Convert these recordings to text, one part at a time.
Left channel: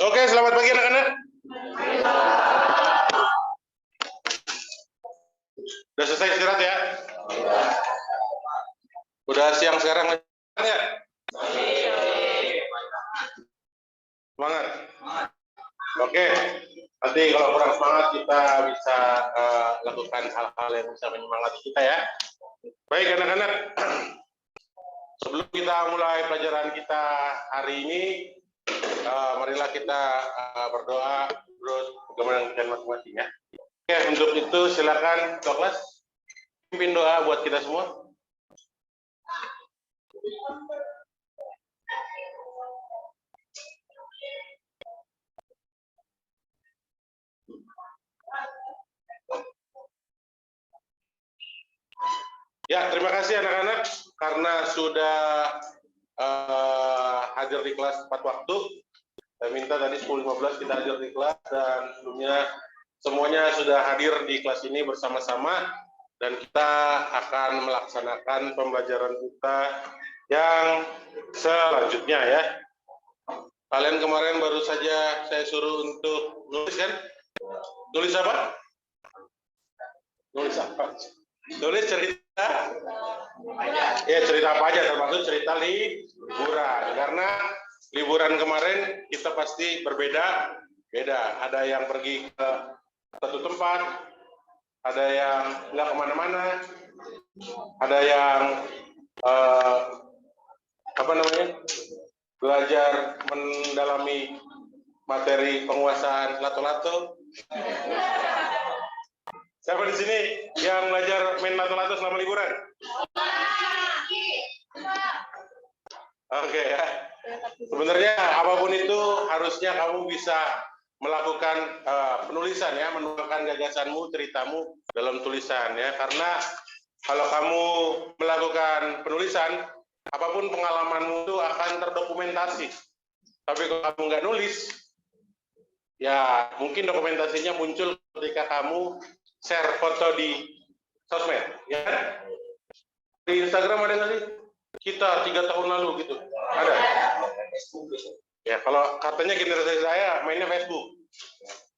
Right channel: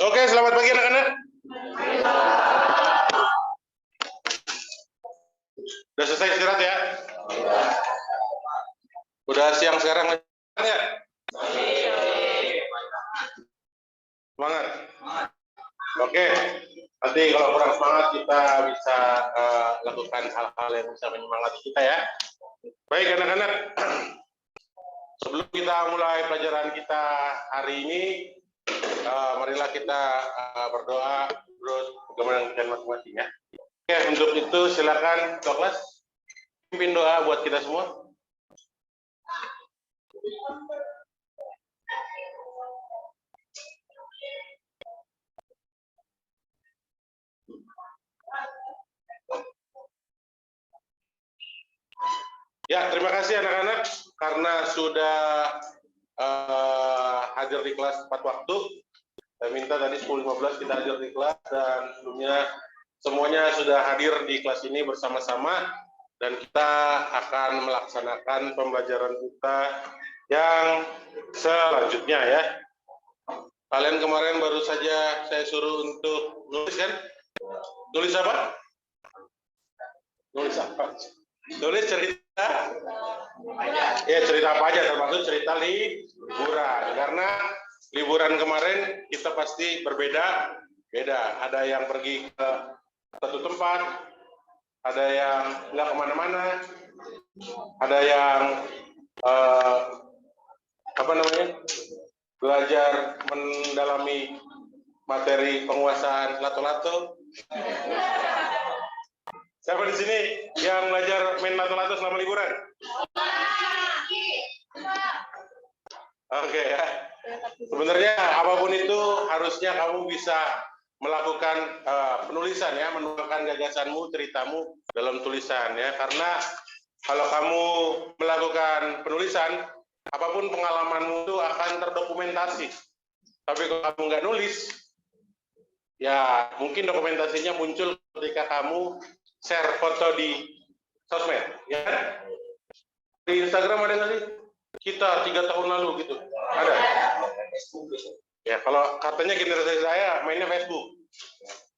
Oke, selamat pagi anak-anak. Udah selesai istirahat ya? Udah siang sekarang ya? Semangat. Oke. Nanti kalau kurang semangat kita bisa lakukan hal-hal yang bisa menyemangati kita ya. Baik anak-anak. Sebelum kita mulai pelajaran kita hari ini, marilah kita berdoa menurut kemudian kita masing-masing ya. Oke, untuk itu silakan kelas pimpin doa buat kita semua. Ya, terima kasih anak-anak karena sudah hadir di kelas tepat waktu. Saya minta tadi 10.15 kita hadir di kelas dan sebelumnya semuanya sudah hadir di kelas ini bersama-sama dan kita akan melaksanakan pembelajaran kita yang selanjutnya ya. Kalian kemarin baru saja saya suruh untuk nulis kan? Nulis apa? Nulis apa? Nulis cerita. Ya cerita apa aja termasuk cerita liburan karena liburan kemarin kita pasti beda. Ada yang pergi ke satu tempat, ada yang nggak kemana-mana, ada yang belajar mendalami materi penguasaan lato-lato. Siapa di sini yang belajar main lato-lato selama liburan? Oke ya. Sebenarnya apapun itu harusnya kamu bisa melakukan penulisan ya, menuangkan gagasanmu, ceritamu dalam tulisan ya. Karena kalau kamu melakukan penulisan, apapun pengalamanmu itu akan terdokumentasi. Tapi kalau kamu nggak nulis, ya mungkin dokumentasinya muncul ketika kamu share foto di sosmed, ya. Di Instagram ada nggak sih? Kita 3 tahun lalu gitu, ada. Ya, kalau katanya generasi saya mainnya Facebook.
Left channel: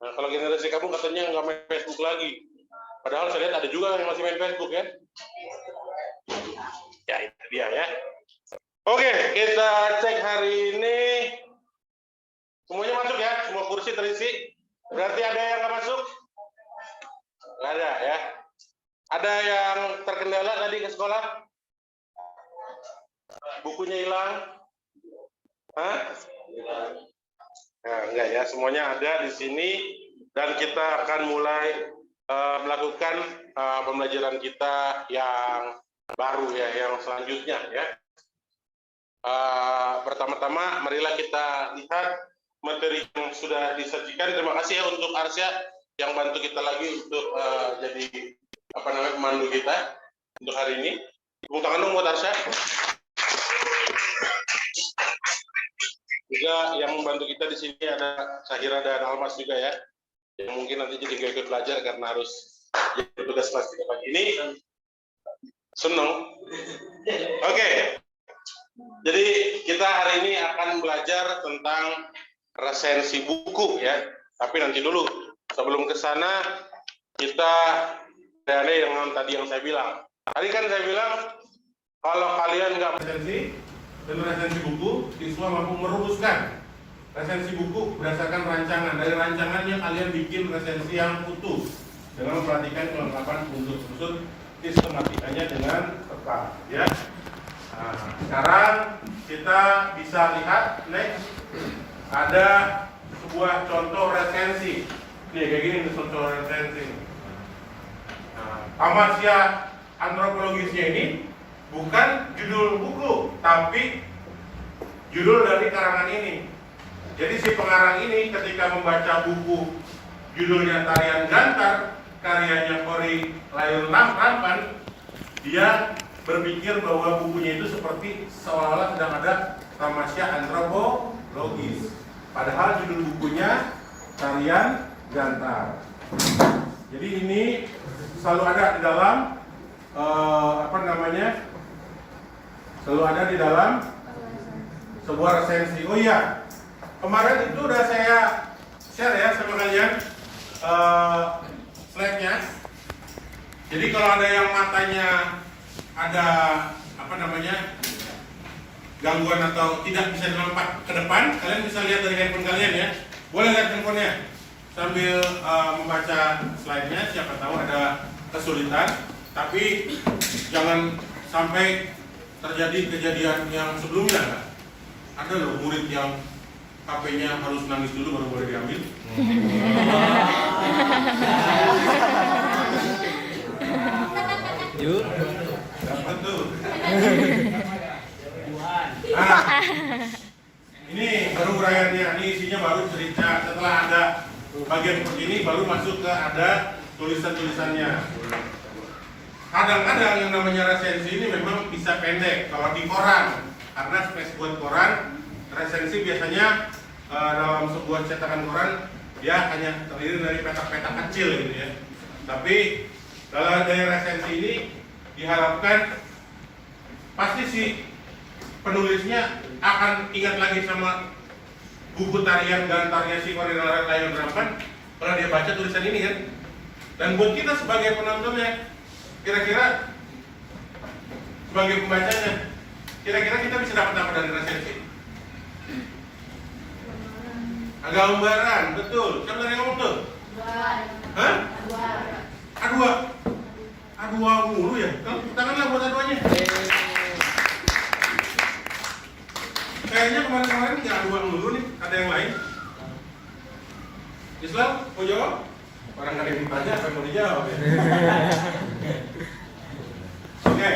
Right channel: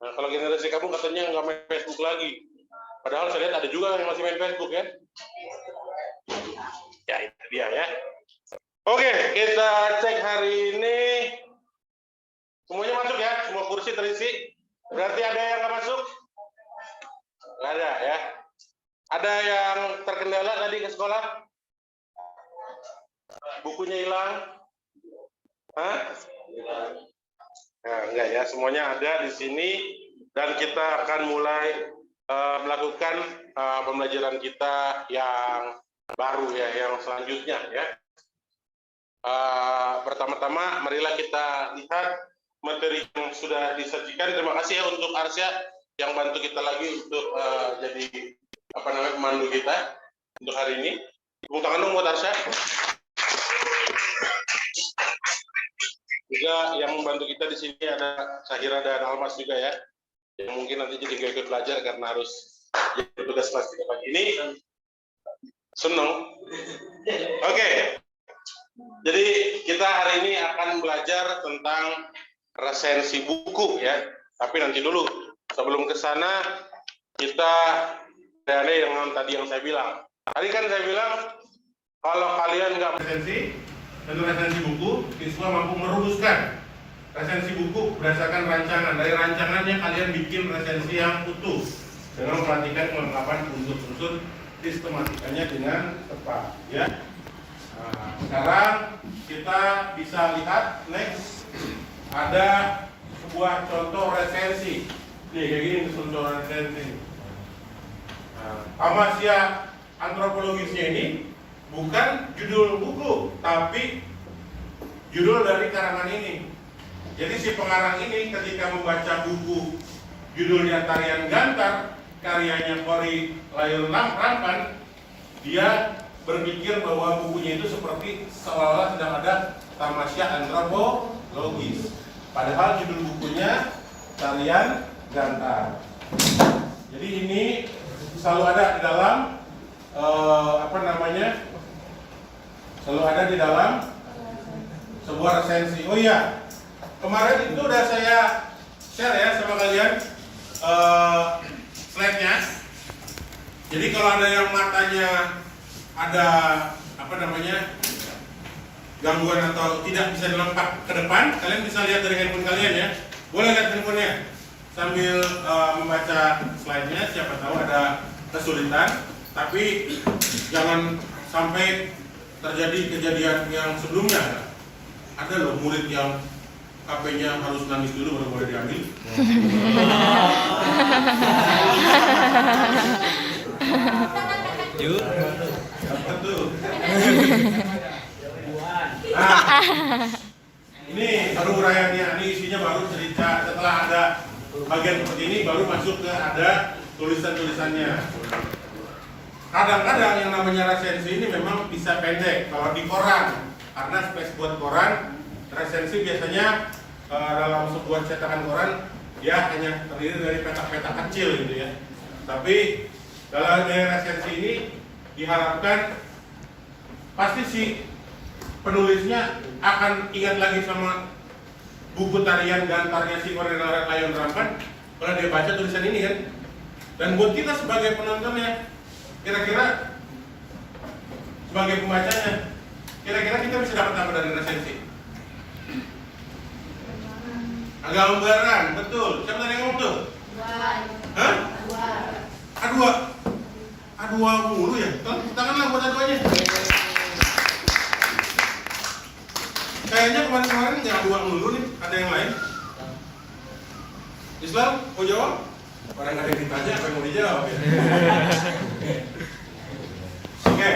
Nah, kalau generasi kamu katanya nggak main Facebook lagi. Padahal saya lihat ada juga yang masih main Facebook ya. Ya itu dia ya. Oke, kita cek hari ini. Semuanya masuk ya, semua kursi terisi. Berarti ada yang nggak masuk? Nggak ada ya. Ada yang terkendala tadi ke sekolah? Bukunya hilang? Hah? Nah, enggak ya, semuanya ada di sini dan kita akan mulai melakukan pembelajaran kita yang baru ya, yang selanjutnya ya. Pertama-tama, marilah kita lihat materi yang sudah disajikan. Terima kasih ya untuk Arsya yang bantu kita lagi untuk jadi pemandu kita untuk hari ini. Tepuk tangan dong buat Arsya. Juga yang membantu kita di sini ada Sahira dan Almas juga ya, yang mungkin nanti jadi nggak ikut belajar karena harus bertugas kelas 3 pagi ini. Senang. Oke. Jadi kita hari ini akan belajar tentang resensi buku ya. Tapi nanti dulu sebelum ke sana kita ada yang tadi yang saya bilang. Tadi kan saya bilang kalau kalian nggak resensi buku, siswa mampu merumuskan resensi buku berdasarkan rancangan. Dari rancangannya kalian bikin resensi yang utuh dengan memperhatikan kelengkapan unsur-unsur sistematikanya dengan tepat. Ya. Nah, sekarang kita bisa lihat next ada sebuah contoh resensi. Nih kayak gini contoh resensi. Tamasya antropologisnya ini bukan judul buku, tapi judul dari karangan ini. Jadi si pengarang ini ketika membaca buku judulnya Tarian Gantar, karyanya Khori Lail Rampan, dia berpikir bahwa bukunya itu seperti seolah-olah sedang ada tamasya antropologis. Padahal judul bukunya Tarian Gantar. Jadi ini selalu ada di dalam selalu ada di dalam sebuah resensi. Oh iya, Kemarin itu udah saya share ya sama kalian slide-nya. Jadi kalau ada yang matanya ada apa namanya gangguan atau tidak bisa dilompat ke depan, kalian bisa lihat dari handphone kalian ya. Boleh lihat handphonenya sambil membaca slide-nya. Siapa tahu ada kesulitan, tapi jangan sampai terjadi kejadian yang sebelumnya. Ada loh murid yang HP-nya harus nangis dulu baru boleh diambil. Betul. Ini baru uraiannya, ini isinya baru cerita. Setelah ada bagian seperti ini, baru masuk ke ada tulisan-tulisannya. Kadang-kadang yang namanya resensi ini memang bisa pendek kalau di koran, karena space buat koran. Resensi biasanya dalam sebuah cetakan koran dia hanya terdiri dari petak-petak kecil gitu ya. Tapi dalam dari resensi ini diharapkan pasti si penulisnya akan ingat lagi sama buku tarian gantarnya si Cornelia Layon Rampan kalau dia baca tulisan ini kan. Dan buat kita sebagai penontonnya, kira-kira sebagai pembacanya, kira-kira kita bisa dapat apa dari resensi? Gambaran, betul. Siapa yang ngomong tuh? Hah? A2. A2 mulu ya? Tanganlah buat A2-nya. Kayaknya kemarin-kemarin nggak A2 mulu nih. Ada yang lain? Islam, mau jawab? Orang nggak ada yang ditanya, apa yang mau dijawab ya? Oke.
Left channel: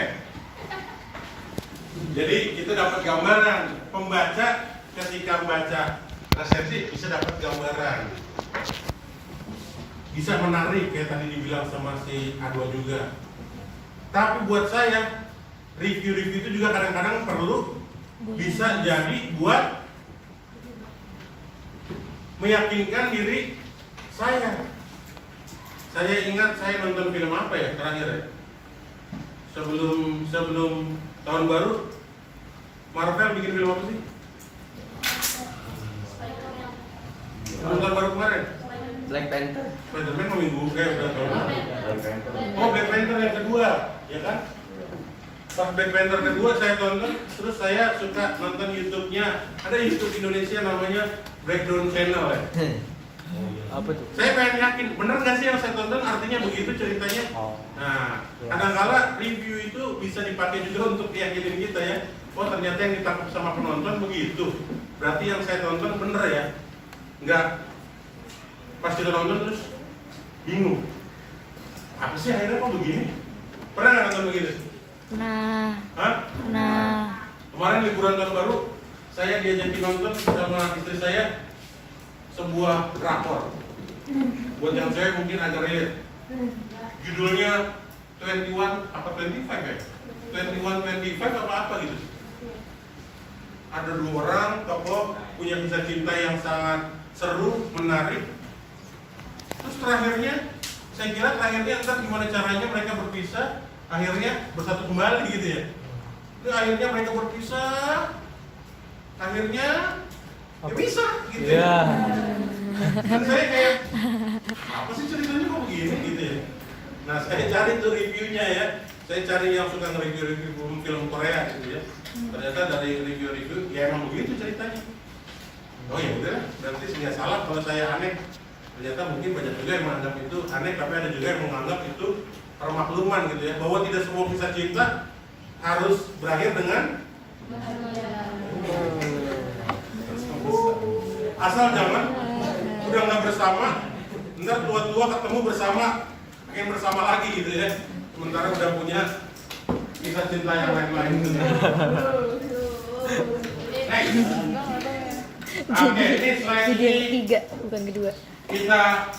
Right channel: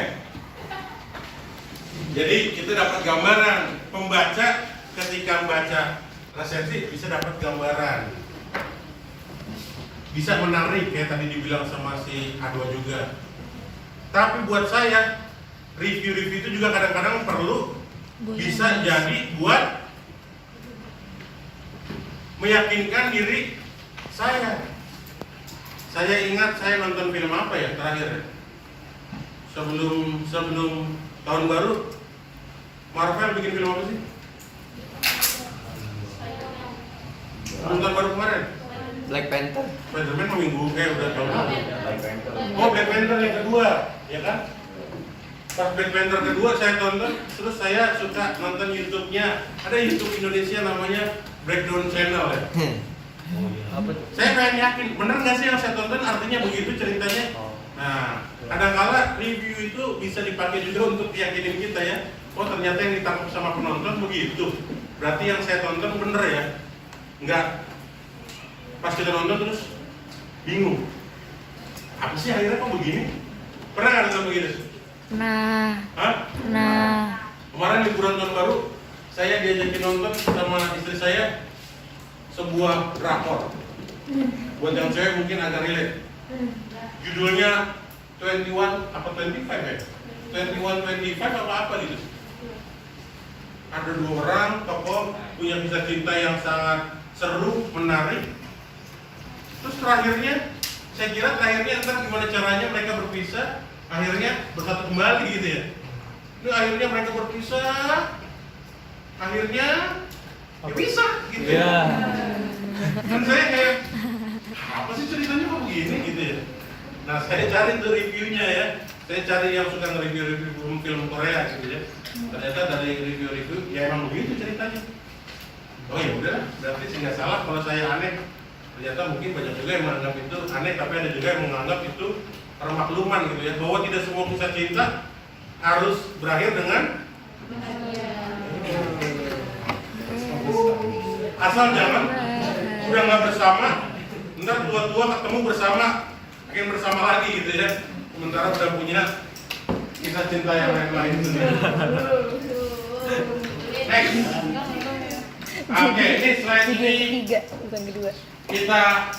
Jadi kita dapat gambaran. Pembaca ketika membaca resensi bisa dapat gambaran, bisa menarik kayak tadi dibilang sama si A2 juga. Tapi buat saya review-review itu juga kadang-kadang perlu bisa jadi buat meyakinkan diri saya. Saya ingat saya nonton film apa ya terakhir ya? Sebelum tahun baru Marvel bikin film apa sih? Nonton baru kemarin? Black Panther. Spider-Man mau minggu udah tahun lalu. Oh, Black Panther yang kedua, ya kan? Pas Black Panther kedua saya tonton, terus saya suka nonton YouTube-nya. Ada YouTube Indonesia namanya Breakdown Channel ya. Saya pengen yakin, bener nggak sih yang saya tonton artinya begitu ceritanya? Nah, kadang-kala review itu bisa dipakai juga untuk yakinin kita ya. Oh ternyata yang ditangkap sama penonton begitu. Berarti yang saya tonton bener ya. Enggak pas kita nonton terus bingung apa sih akhirnya kok begini? Pernah nggak nonton begitu? Nah kemarin liburan tahun baru saya diajakin nonton sama istri saya sebuah drakor. Buat yang cewek mungkin agak relate. Judulnya 21 apa 25 ya? 21 25 apa gitu. Ada dua orang tokoh punya kisah cinta yang sangat seru, menarik. Terus terakhirnya, saya kira terakhirnya entah gimana caranya mereka berpisah, akhirnya bersatu kembali gitu ya. Itu akhirnya mereka berpisah, akhirnya ya bisa gitu ya. Dan saya kayak, apa sih ceritanya kok begini gitu ya. Nah saya cari tuh reviewnya ya. Saya cari yang suka nge-review film Korea gitu ya. Ternyata dari review-review ya emang begitu ceritanya. Oh ya udah, berarti sih nggak salah kalau saya aneh. Ternyata mungkin banyak juga yang menganggap itu aneh, tapi ada juga yang menganggap itu permakluman gitu ya, bahwa tidak semua kisah cinta harus berakhir dengan asal jangan udah nggak bersama, ntar tua-tua ketemu bersama, pengen bersama lagi gitu ya. Sementara udah punya kisah cinta yang lain-lain gitu. Next. Oke, ini slide ini bukan kedua. Kita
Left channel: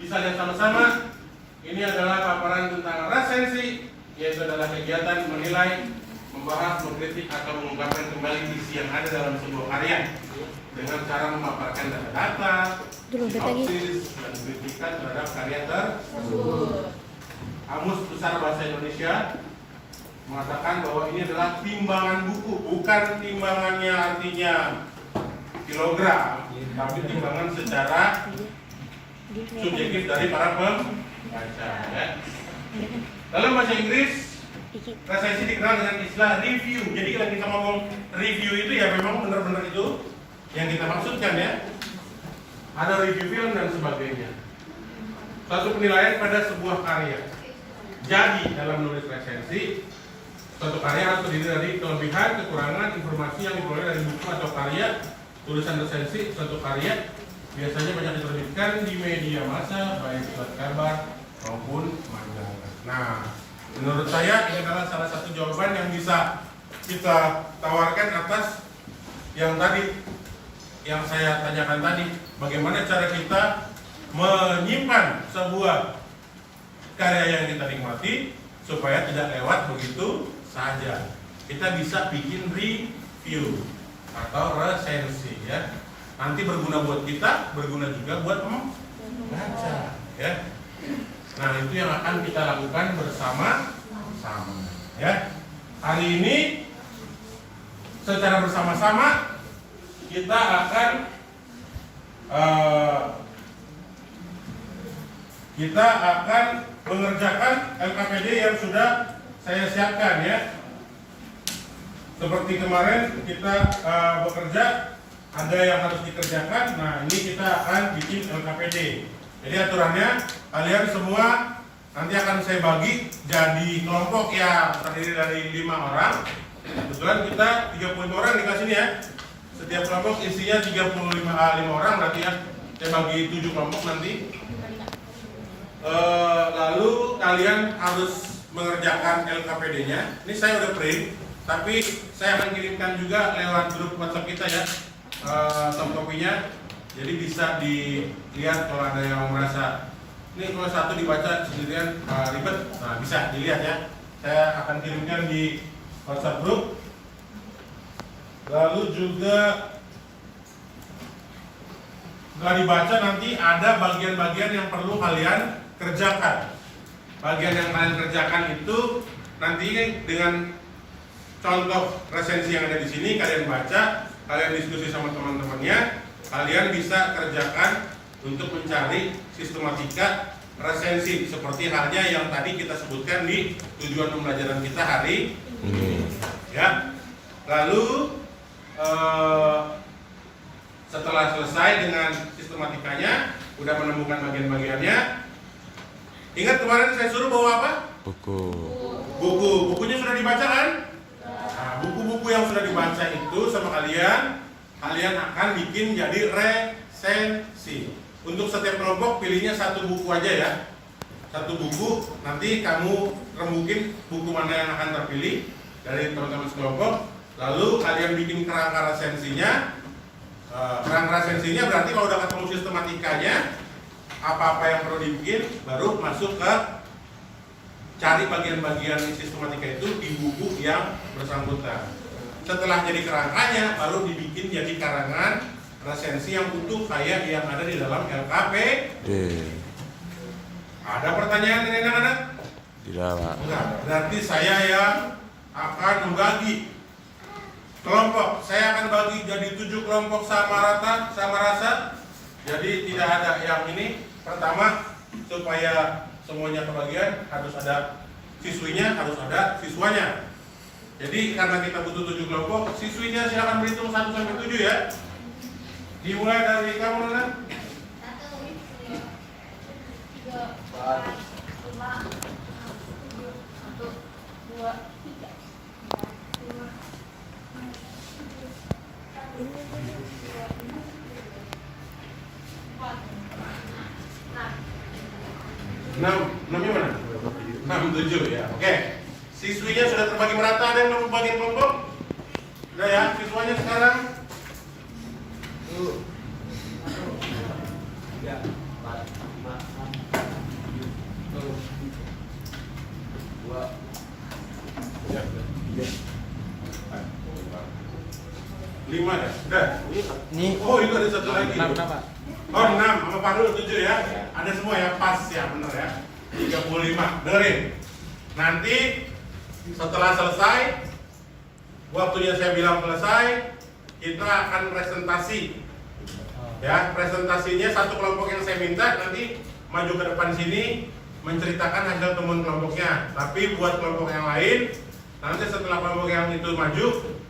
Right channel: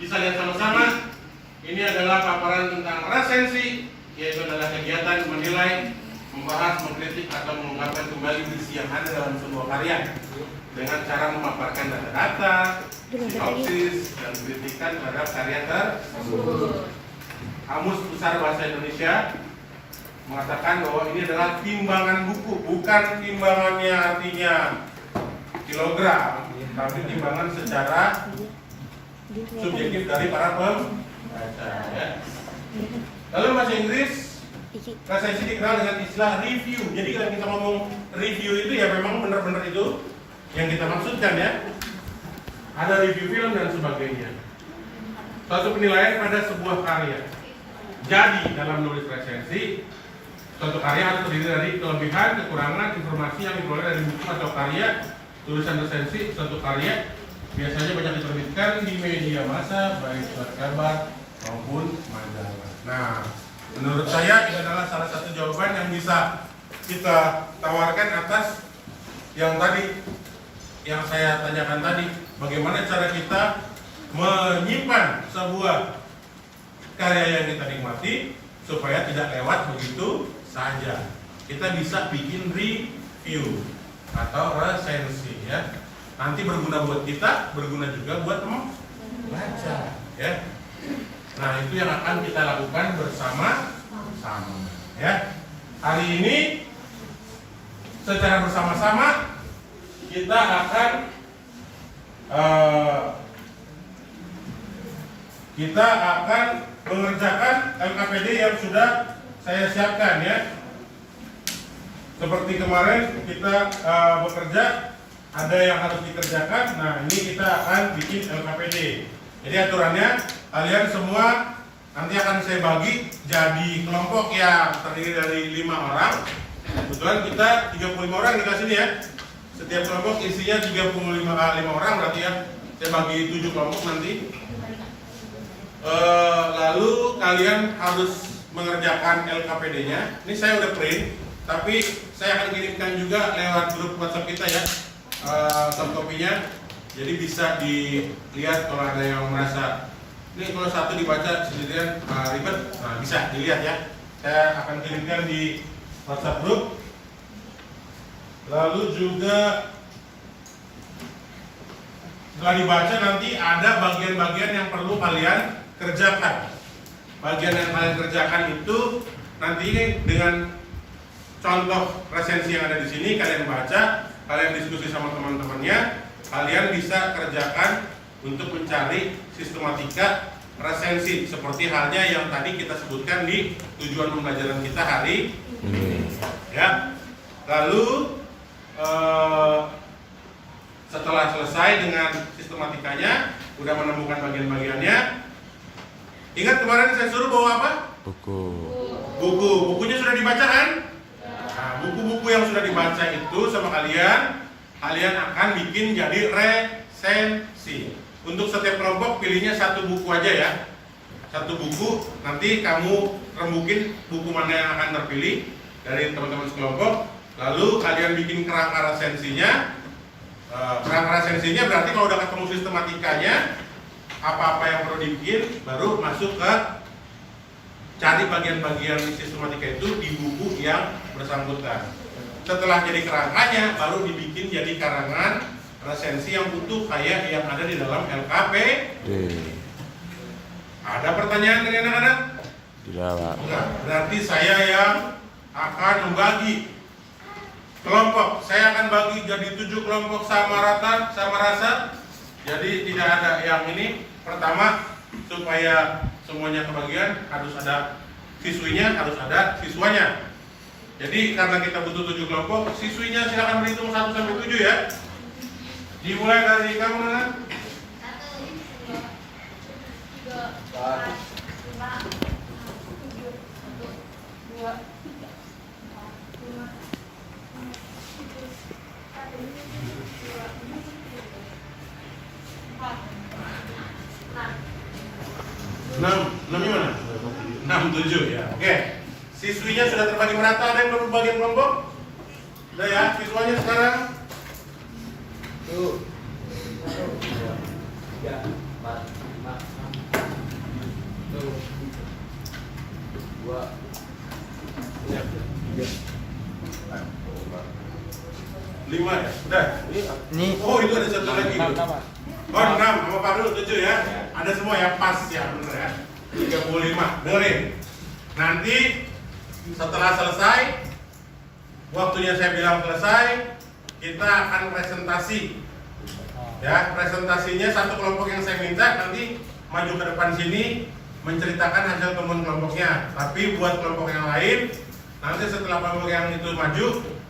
bisa lihat sama-sama. Ini adalah paparan tentang resensi, yaitu adalah kegiatan menilai, membahas, mengkritik atau mengungkapkan kembali isi yang ada dalam sebuah karya dengan cara memaparkan data-data, sinopsis, dan kritikan terhadap karya tersebut. Kamus Besar Bahasa Indonesia mengatakan bahwa ini adalah timbangan buku, bukan timbangannya artinya kilogram, tapi timbangan secara subjektif dari para pembaca ya. Dalam bahasa Inggris, resensi dikenal dengan istilah review. Jadi kalau kita ngomong review itu ya memang benar-benar itu yang kita maksudkan ya. Ada review film dan sebagainya. Suatu penilaian pada sebuah karya. Jadi dalam menulis resensi, suatu karya harus terdiri dari kelebihan, kekurangan, informasi yang diperoleh dari buku atau karya. Tulisan resensi suatu karya biasanya banyak diterbitkan di media massa, baik surat kabar maupun majalah. Nah, menurut saya ini adalah salah satu jawaban yang bisa kita tawarkan atas yang tadi, yang saya tanyakan tadi. Bagaimana cara kita menyimpan sebuah karya yang kita nikmati supaya tidak lewat begitu saja. Kita bisa bikin review atau resensi ya. Nanti berguna buat kita, berguna juga buat membaca ya. Nah, itu yang akan kita lakukan bersama-sama ya. Hari ini secara bersama-sama kita akan mengerjakan LKPD yang sudah saya siapkan ya. Seperti kemarin kita bekerja, ada yang harus dikerjakan. Nah, ini kita akan bikin LKPD. Jadi aturannya kalian semua nanti akan saya bagi jadi kelompok yang terdiri dari 5 orang. Kebetulan kita 35 orang dikasih ini ya. Setiap kelompok isinya 5 orang berarti ya. Saya bagi 7 kelompok nanti. Lalu kalian harus mengerjakan LKPD-nya. Ini saya udah print, tapi saya akan kirimkan juga lewat grup WhatsApp kita ya, soft copy-nya. Jadi bisa dilihat kalau ada yang merasa ini kalau satu dibaca sendirian ribet, nah bisa dilihat ya. Saya akan kirimkan di WhatsApp grup. Lalu juga setelah dibaca nanti ada bagian-bagian yang perlu kalian kerjakan. Bagian yang kalian kerjakan itu nanti dengan contoh resensi yang ada di sini kalian baca, kalian diskusi sama teman-temannya, kalian bisa kerjakan untuk mencari sistematika resensi seperti halnya yang tadi kita sebutkan di tujuan pembelajaran kita hari ini. Ya. Lalu setelah selesai dengan sistematikanya, udah menemukan bagian-bagiannya, ingat kemarin saya suruh bawa apa? Bukunya sudah dibaca kan? Nah, buku-buku yang sudah dibaca itu sama kalian akan bikin jadi resensi. Untuk setiap kelompok pilihnya 1 buku aja ya. 1 buku, nanti kamu rembukin buku mana yang akan terpilih dari teman-teman sekelompok. Lalu kalian bikin kerangka resensinya. Kerangka resensinya berarti kalau udah ketemu sistematikanya, apa-apa yang perlu dibikin, baru masuk ke cari bagian-bagian sistematika itu di buku yang bersangkutan. Setelah jadi kerangkanya, baru dibikin jadi karangan resensi yang utuh kayak yang ada di dalam LKPD. Ada pertanyaan dari anak-anak? Tidak, Pak. Enggak. Berarti saya yang akan membagi kelompok. Saya akan bagi jadi 7 kelompok sama rasa. Jadi tidak ada yang ini. Pertama, supaya semuanya kebagian harus ada siswinya, harus ada siswanya. Jadi karena kita butuh 7 kelompok, siswinya silakan berhitung 1 sampai 7 ya. Dimulai dari kamu kan? 6 gimana? 6, 7 ya. Oke. Siswinya sudah terbagi merata, ada yang belum bagian kelompok? Udah ya, siswanya sekarang? 1, 2, 3, 4, 5, 6, 2, 5 ya? Udah? Ini. Oh, itu ada 1 lagi. 6, Oh, 6 sama Farul 7 ya. Ada semua ya, pas ya, bener ya. 35. Dengerin. Nanti setelah selesai, waktunya saya bilang selesai, kita akan presentasi. Ya, presentasinya satu kelompok yang saya minta nanti maju ke depan sini menceritakan hasil temuan kelompoknya. Tapi buat kelompok yang lain, nanti setelah kelompok yang itu maju,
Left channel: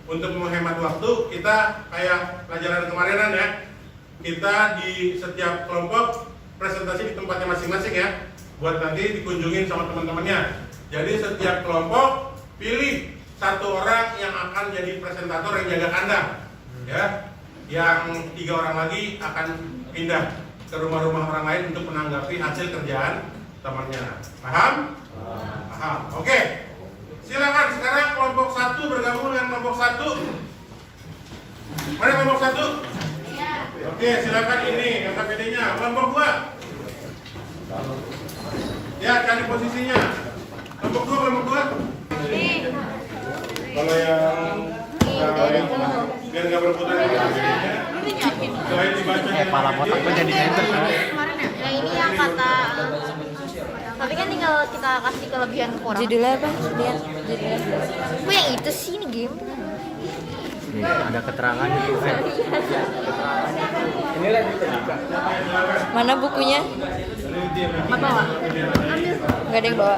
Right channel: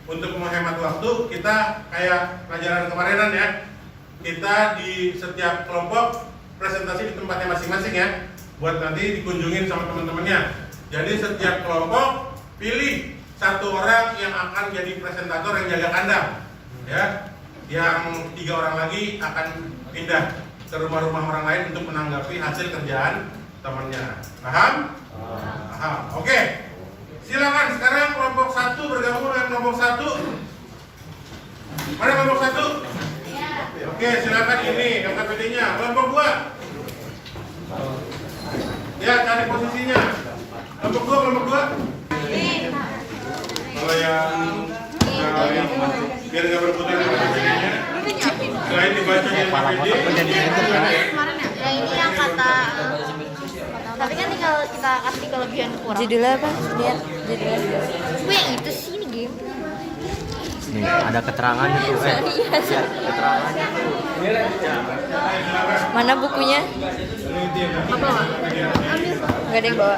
untuk menghemat waktu, kita kayak pelajaran kemarinan ya. Kita di setiap kelompok presentasi di tempatnya masing-masing ya, buat nanti dikunjungin sama teman-temannya. Jadi setiap kelompok pilih satu orang yang akan jadi presentator yang jaga kandang, ya. Yang 3 orang lagi akan pindah ke rumah-rumah orang lain untuk menanggapi hasil kerjaan temannya. Paham? Paham. Oke. Silakan sekarang kelompok 1 bergabung dengan kelompok 1. Mana kelompok 1? Oke, silakan ini KKPD-nya. Kelompok 2. Ya, cari posisinya. Kelompok 2, kelompok 2. Kalau yang biar nggak berebutan KKPD-nya. Selain dibaca kepala kotak jadi center kan. Kemarin ya, ini yang kata tapi kan tinggal kita kasih kelebihan kurang. Judulnya apa? Lihat judulnya. Gue yang itu sih ini game. Ada keterangannya tuh kan. Mana bukunya? Apa? Ambil. Gak ada yang bawa.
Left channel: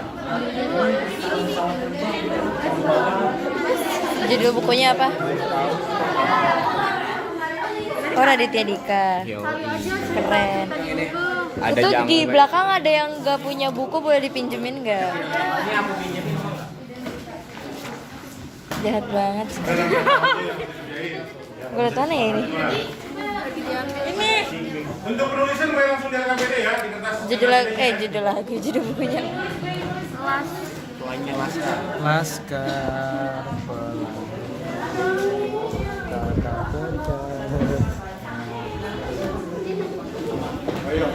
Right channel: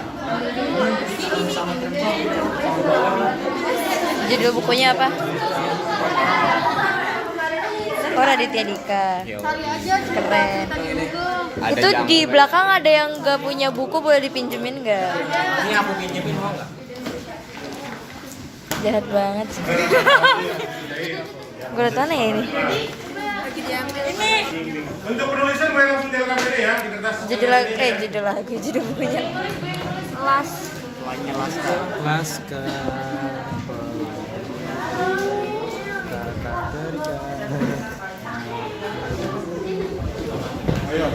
Judul bukunya apa? Oh, Raditya Dika. Kali aja. Keren. Ada Itu yang di belakang ada yang gak punya buku, boleh dipinjemin gak? Ini aku pinjemin. Jahat banget. Gue liat mana ya ini? untuk penulisan gue langsung jalan KKPD ya di kertas. Judul lagu, judul bukunya. Laskar. Kata terjadi. Ayo.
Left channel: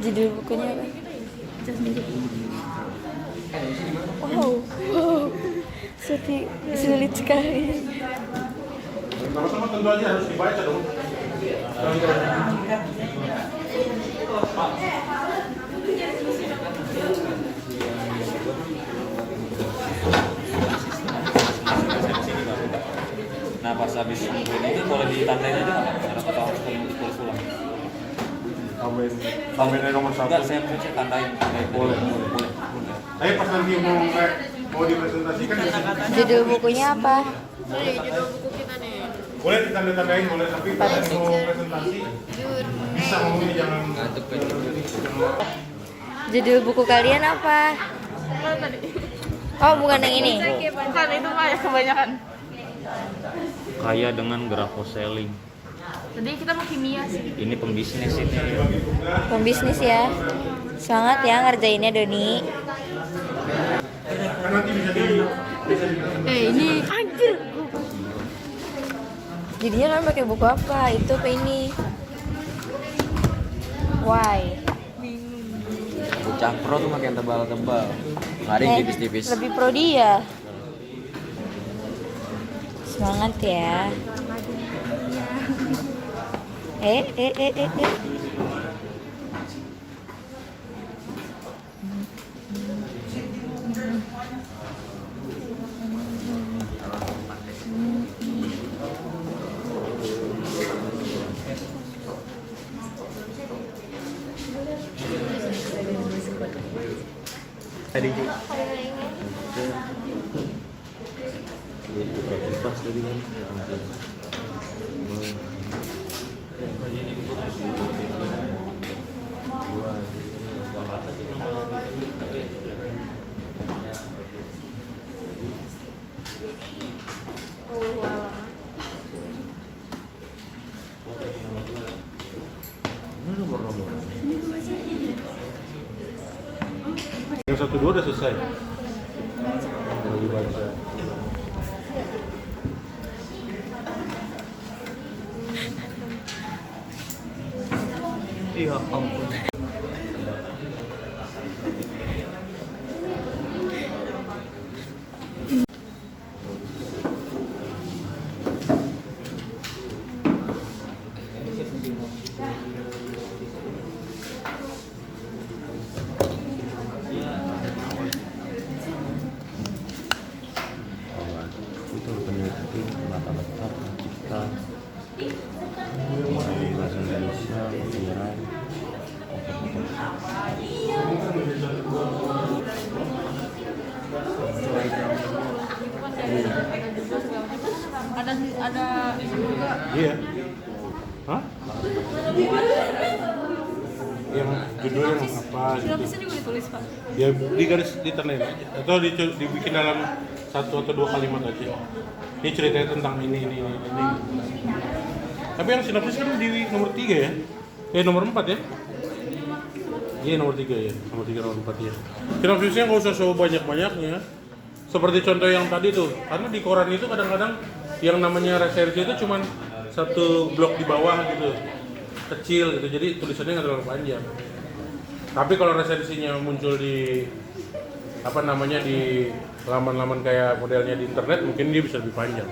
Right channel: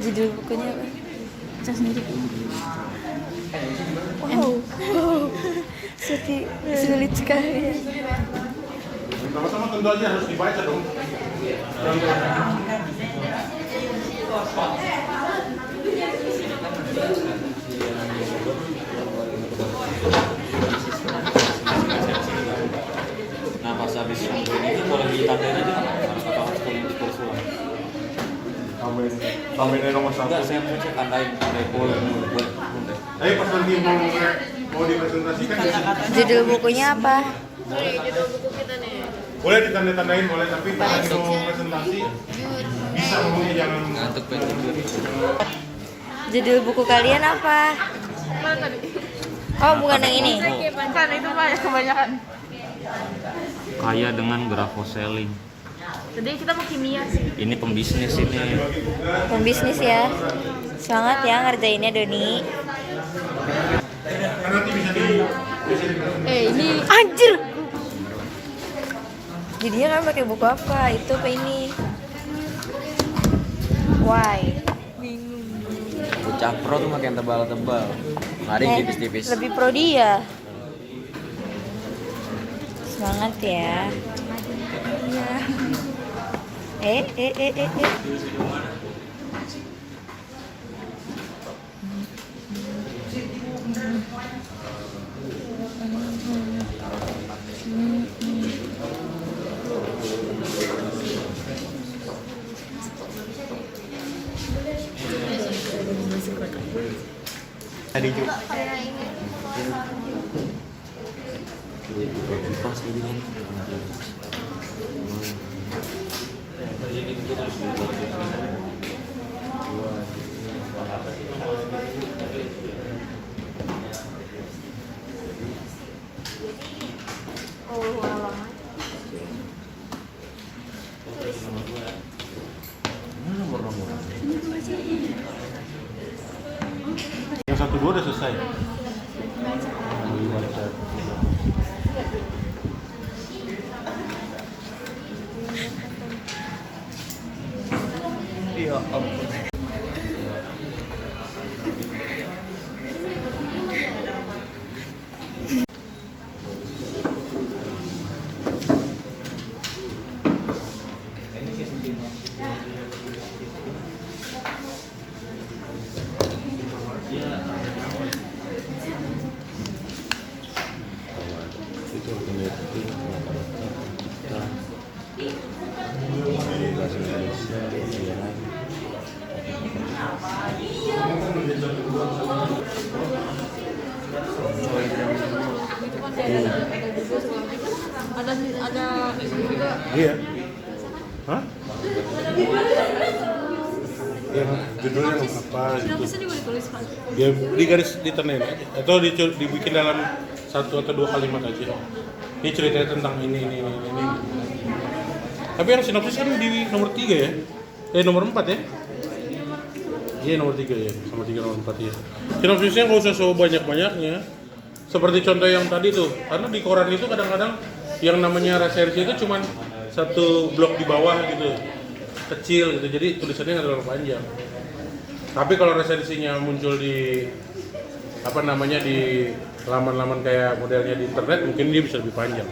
Judul bukunya apa? Wow, sulit sekali. Sama-sama tentu aja harus dibaca dong. Nah pas habis yang itu boleh ditandain aja nggak Pak? Atau harus yang ditulis ulang? Tambahin nomor 1. Enggak, saya tandain. Boleh. Tapi pas nanti mau dipresentasikan Judul bukunya apa? boleh ditanda-tandain boleh, tapi kalau lagi mau presentasi bisa ngomongnya jangan ngantuk banget. Judul buku kalian apa? Oh, bukan yang ini. Kebanyakan. Kaya dengan graphoselling. Tadi kita mau kimia sih. Ini pembisnis ini. Pembisnis ya. Semangat ya ngerjainnya Doni. Kan nanti bisa di Ini anjir. Jadinya kan pakai buku apa? Itu ke ini. Why? Bocah pro tuh makin tebal-tebal. Mari tipis-tipis. Lebih pro dia. Semangat ya. Eh. Tadi juga. yang 1-2 udah selesai. ada juga. Iya. Hah? Yang judulnya apa gitu. Sini boleh tulis Pak. Ya di garis ditenain aja atau dibikin dalam 1 atau 2 kalimat aja. Ini ceritanya tentang ini. Tapi yang sinopsis kan di nomor 3 ya? Nomor 4 ya? Iya nomor 3 ya, nomor 3 nomor 4 ya. Sinopsisnya nggak usah so banyak-banyaknya. Seperti contoh yang tadi tuh, karena di koran itu kadang-kadang yang namanya resersi itu cuma 1 blok di bawah gitu, kecil gitu, jadi tulisannya nggak terlalu panjang. Tapi kalau resensinya muncul di di laman-laman kayak modelnya di internet, mungkin dia bisa lebih panjang.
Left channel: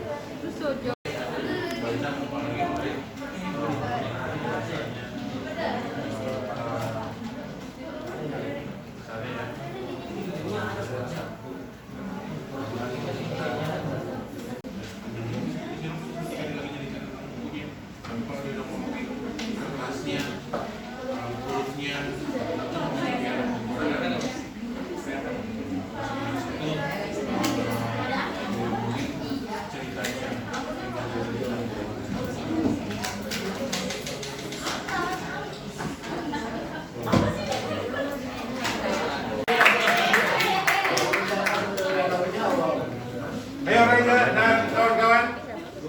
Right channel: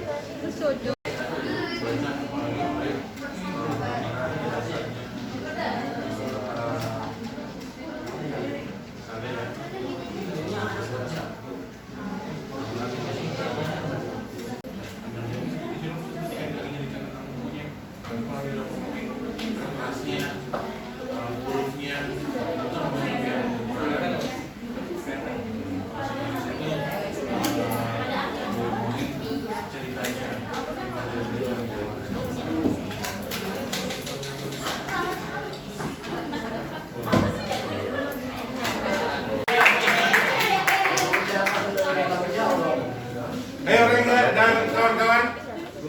Ayo Rena dan kawan-kawan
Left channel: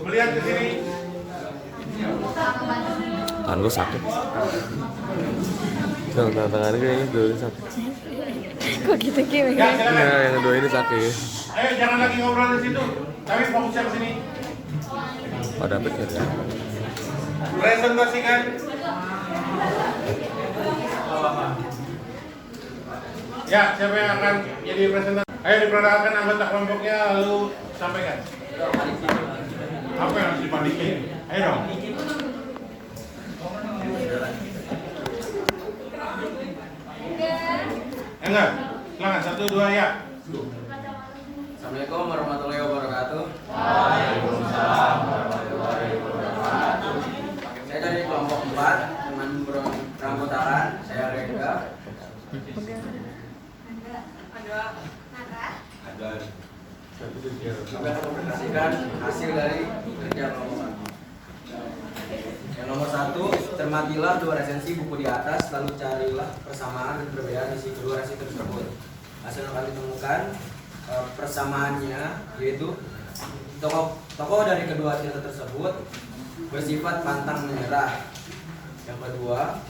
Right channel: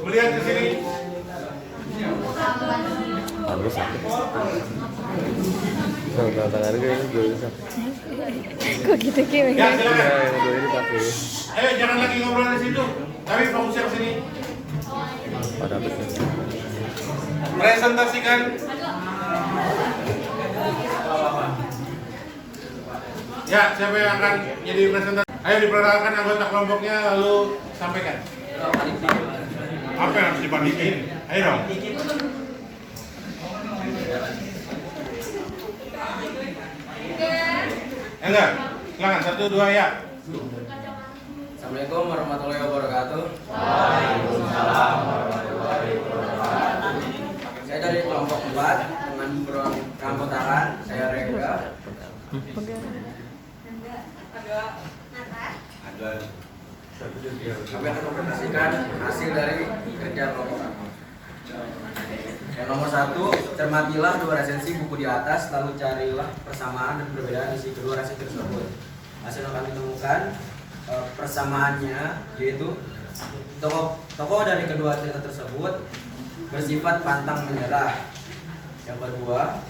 melihat ke sini. Tangan gue sakit. Tangan gue ini gue sakit. Kok gitu Kim? Ya, silakan. Yang kedua ini sakit. Ayo jangan lagi ngobrol di situ. Kami fokusnya ke sini. Pada apa sih? Presentasikan. Ya, siapa yang akan jadi presentasi? Ayo diperkenalkan anggota kelompoknya lalu sampaikan. Apa yang harus dibandingin? Ayo dong. Enggak, silakan 1, 2 ya. Assalamualaikum warahmatullahi wabarakatuh. Waalaikumsalam warahmatullahi wabarakatuh. Saya dari kelompok 4 teman perangkotaan. Saya Rega. Kami akan mempresentasikan hasil dari kerja kelompok kami. Yang nomor 1, cermatilah 2 resensi buku di atas, lalu carilah persamaan dan perbedaan isi kedua resensi tersebut. Hasil yang kami temukan persamaannya yaitu tokoh dari kedua cerita tersebut bersifat pantang menyerah. Yang kedua,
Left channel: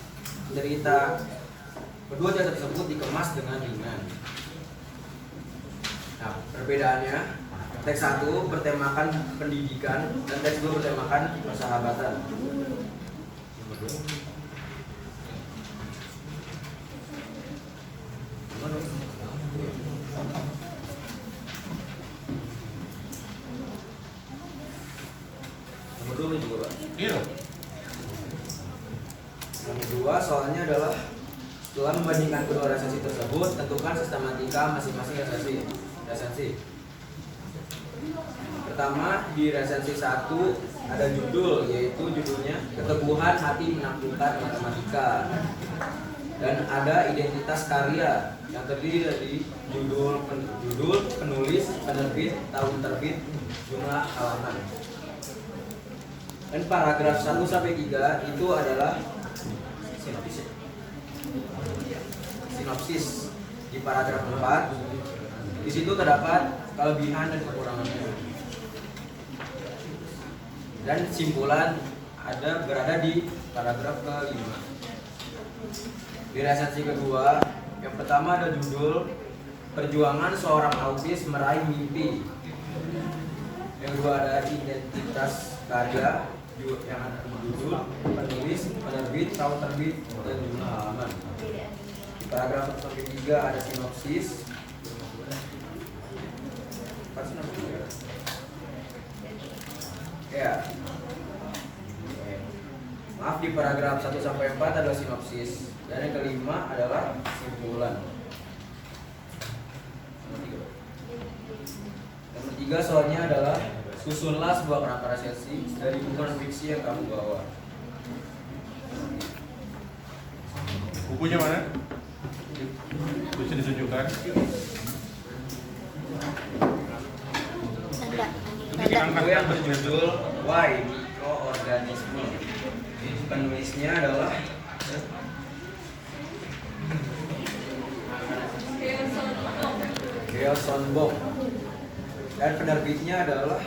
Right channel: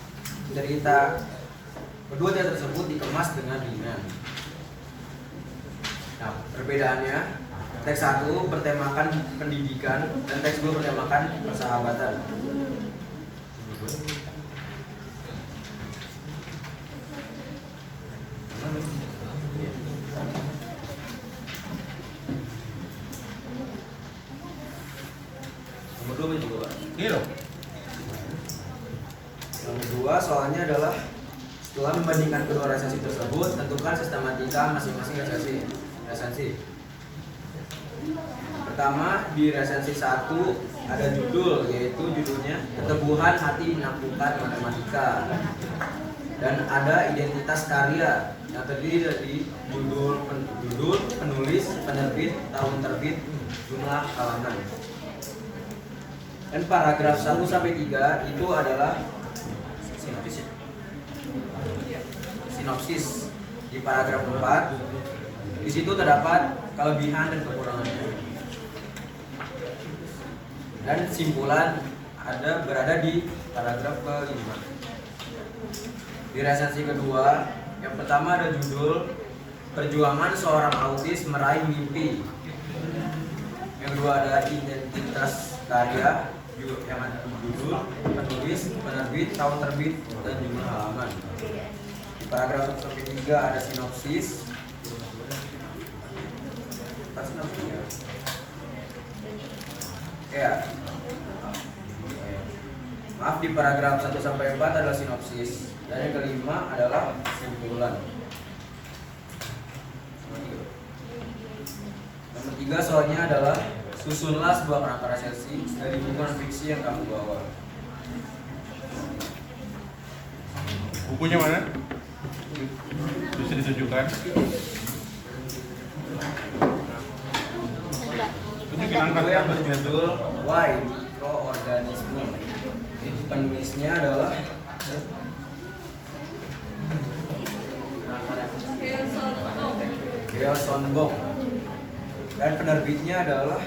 kedua cerita tersebut dikemas dengan ringan. Nah, perbedaannya, teks 1 bertemakan pendidikan dan teks 2 bertemakan persahabatan. Nomor 2 juga, Pak. Iya. Nomor 2 soalnya adalah setelah membandingkan kedua resensi tersebut, tentukan sistematika masing-masing resensi. Pertama, di resensi 1 ada judul, yaitu judulnya Keteguhan Hati Menaklukkan Matematika. Dan ada identitas karya yang terdiri dari judul, penulis, penerbit, tahun terbit, jumlah halaman. Dan paragraf 1-3 itu adalah sinopsis. Di paragraf 4 di situ terdapat kelebihan dan kekurangannya. Dan simpulan berada di paragraf ke-5. Di resensi kedua, yang pertama ada judul Perjuangan Seorang Autis Meraih Mimpi. Yang kedua ada identitas karya, yang ada judul, penulis, penerbit, tahun terbit, dan jumlah halaman. Di paragraf ke-3 ada sinopsis. Ya. Maaf, di paragraf 1-4 adalah sinopsis. Dan yang kelima adalah simpulan. Nomor 3 soalnya adalah susunlah sebuah kerangka resensi dari buku non-fiksi yang kamu bawa. Bukunya mana? Bisa ditunjukkan. Tunjukin angkat. Yang berjudul Why Mikroorganisme. Penulisnya adalah Leo Sonbong dan penerbitnya adalah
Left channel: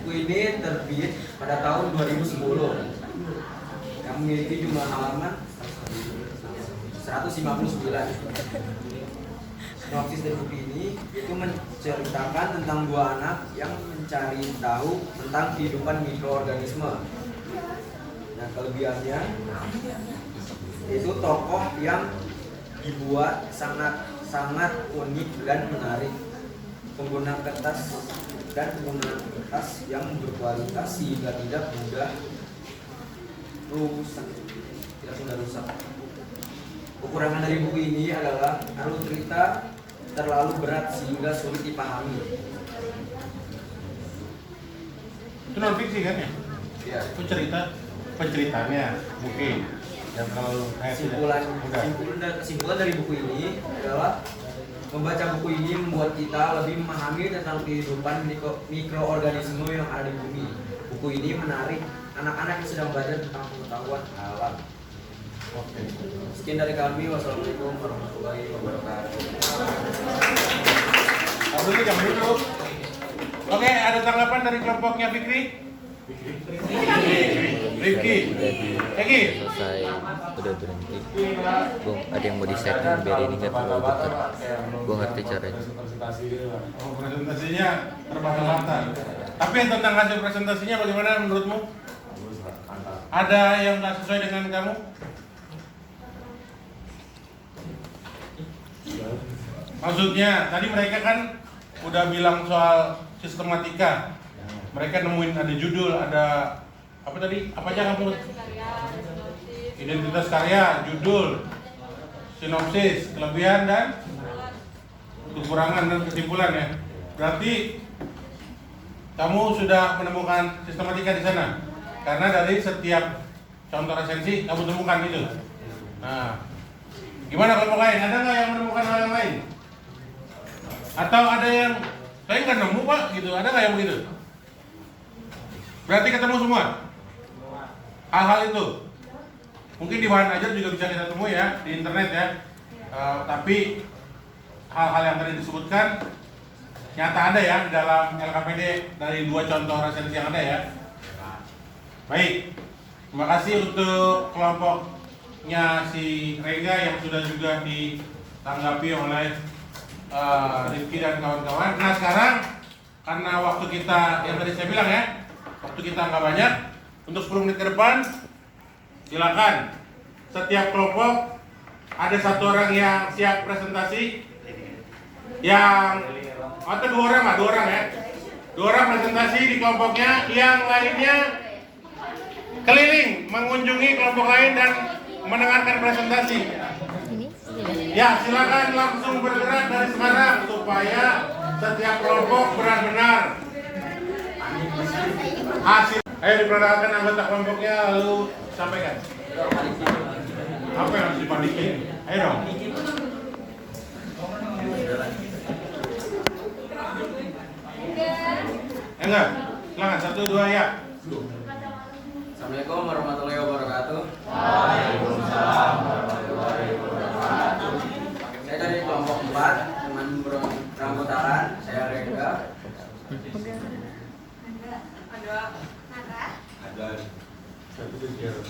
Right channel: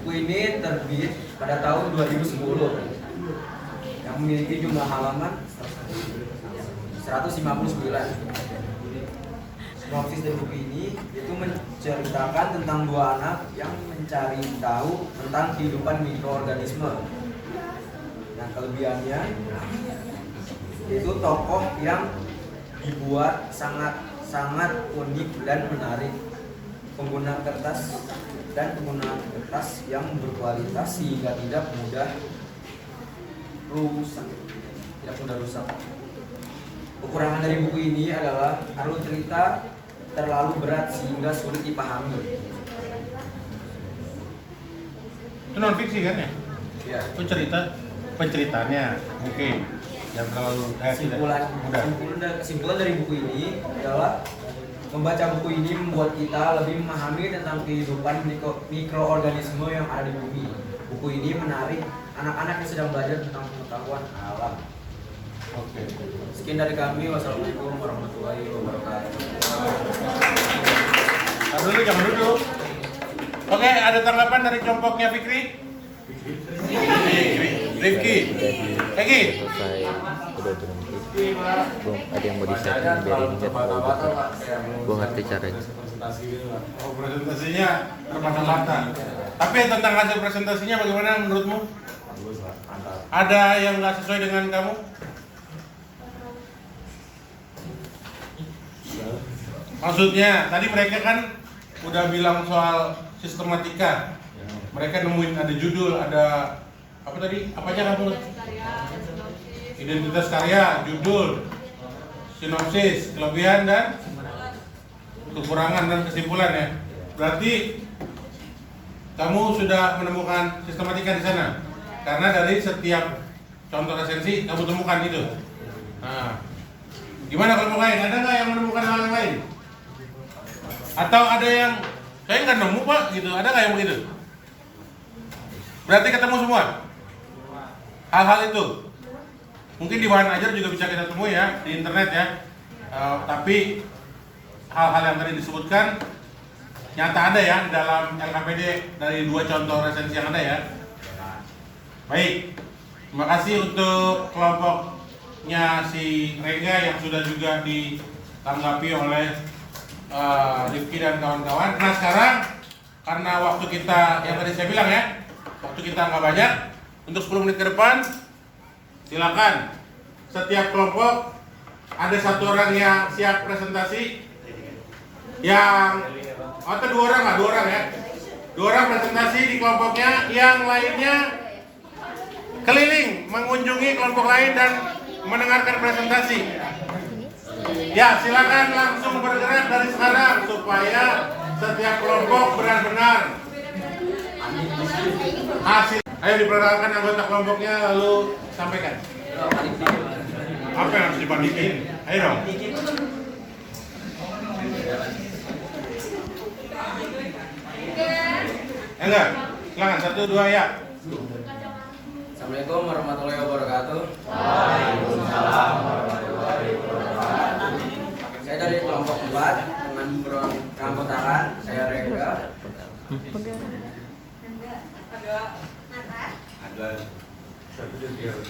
buku ini terbit pada tahun 2010 yang memiliki jumlah halaman 159. Sinopsis dari buku ini itu menceritakan tentang dua anak yang mencari tahu tentang kehidupan mikroorganisme. Yang kelebihannya itu tokoh yang dibuat sangat unik dan menarik. Penggunaan kertas yang berkualitas sehingga tidak mudah rusak. Kekurangan dari buku ini adalah alur cerita terlalu berat sehingga sulit dipahami. Itu non fiksi kan ya? Ya. Itu penceritanya mungkin. Dan kalau Kesimpulan dari buku ini adalah membaca buku ini membuat kita lebih memahami tentang kehidupan mikroorganisme yang ada di bumi. Buku ini menarik anak-anak yang sedang belajar tentang pengetahuan alam. Oke. Sekian dari kami. Wassalamualaikum warahmatullahi wabarakatuh. Jangan dulu. Oke, ada tanggapan dari kelompoknya Fikri? Rifki. Egi. Selesai, udah berhenti. Gue ada yang mau di setting biar ini nggak terlalu dekat. Gue ngerti caranya. Oh, presentasinya bermata-mata. Tapi tentang hasil presentasinya bagaimana menurutmu? Ada yang nggak sesuai dengan kamu? Maksudnya, tadi mereka kan udah bilang soal sistematika. Mereka nemuin ada judul, ada apa tadi? Apa aja kamu? Identitas karya, judul, sinopsis, kelebihan dan kekurangan dan kesimpulan ya. Berarti kamu sudah menemukan sistematika di sana. Karena dari setiap contoh resensi kamu temukan itu. Nah, gimana kelompok lain? Ada nggak yang menemukan hal yang lain? Atau ada yang kayak nggak nemu pak gitu? Ada nggak yang begitu? Berarti ketemu semua hal-hal itu. Mungkin di bahan ajar juga bisa kita temui ya di internet ya. Tapi hal-hal yang tadi disebutkan nyata ada ya dalam LKPD dari 2 contoh resensi yang ada ya. Baik, terima kasih untuk kelompoknya si Rega yang sudah juga ditanggapi oleh Rifki dan kawan-kawan. Nah sekarang karena waktu kita yang tadi saya bilang ya, waktu kita nggak banyak, untuk 10 menit ke depan silakan setiap kelompok ada 1 orang yang siap presentasi, yang atau 2 orang lah, 2 orang ya, 2 orang presentasi di kelompoknya, yang lainnya keliling mengunjungi kelompok lain dan mendengarkan presentasi. Ya silakan langsung bergerak dari sekarang supaya setiap kelompok benar-benar hasil. Ayo diperkenalkan anggota kelompoknya lalu sampaikan. Apa yang harus dibandingin? Ayo dong. Enggak, silakan 1, 2 ya. Assalamualaikum warahmatullahi wabarakatuh. Waalaikumsalam warahmatullahi wabarakatuh. Saya dari kelompok 4 dengan beranggotakan saya Rega.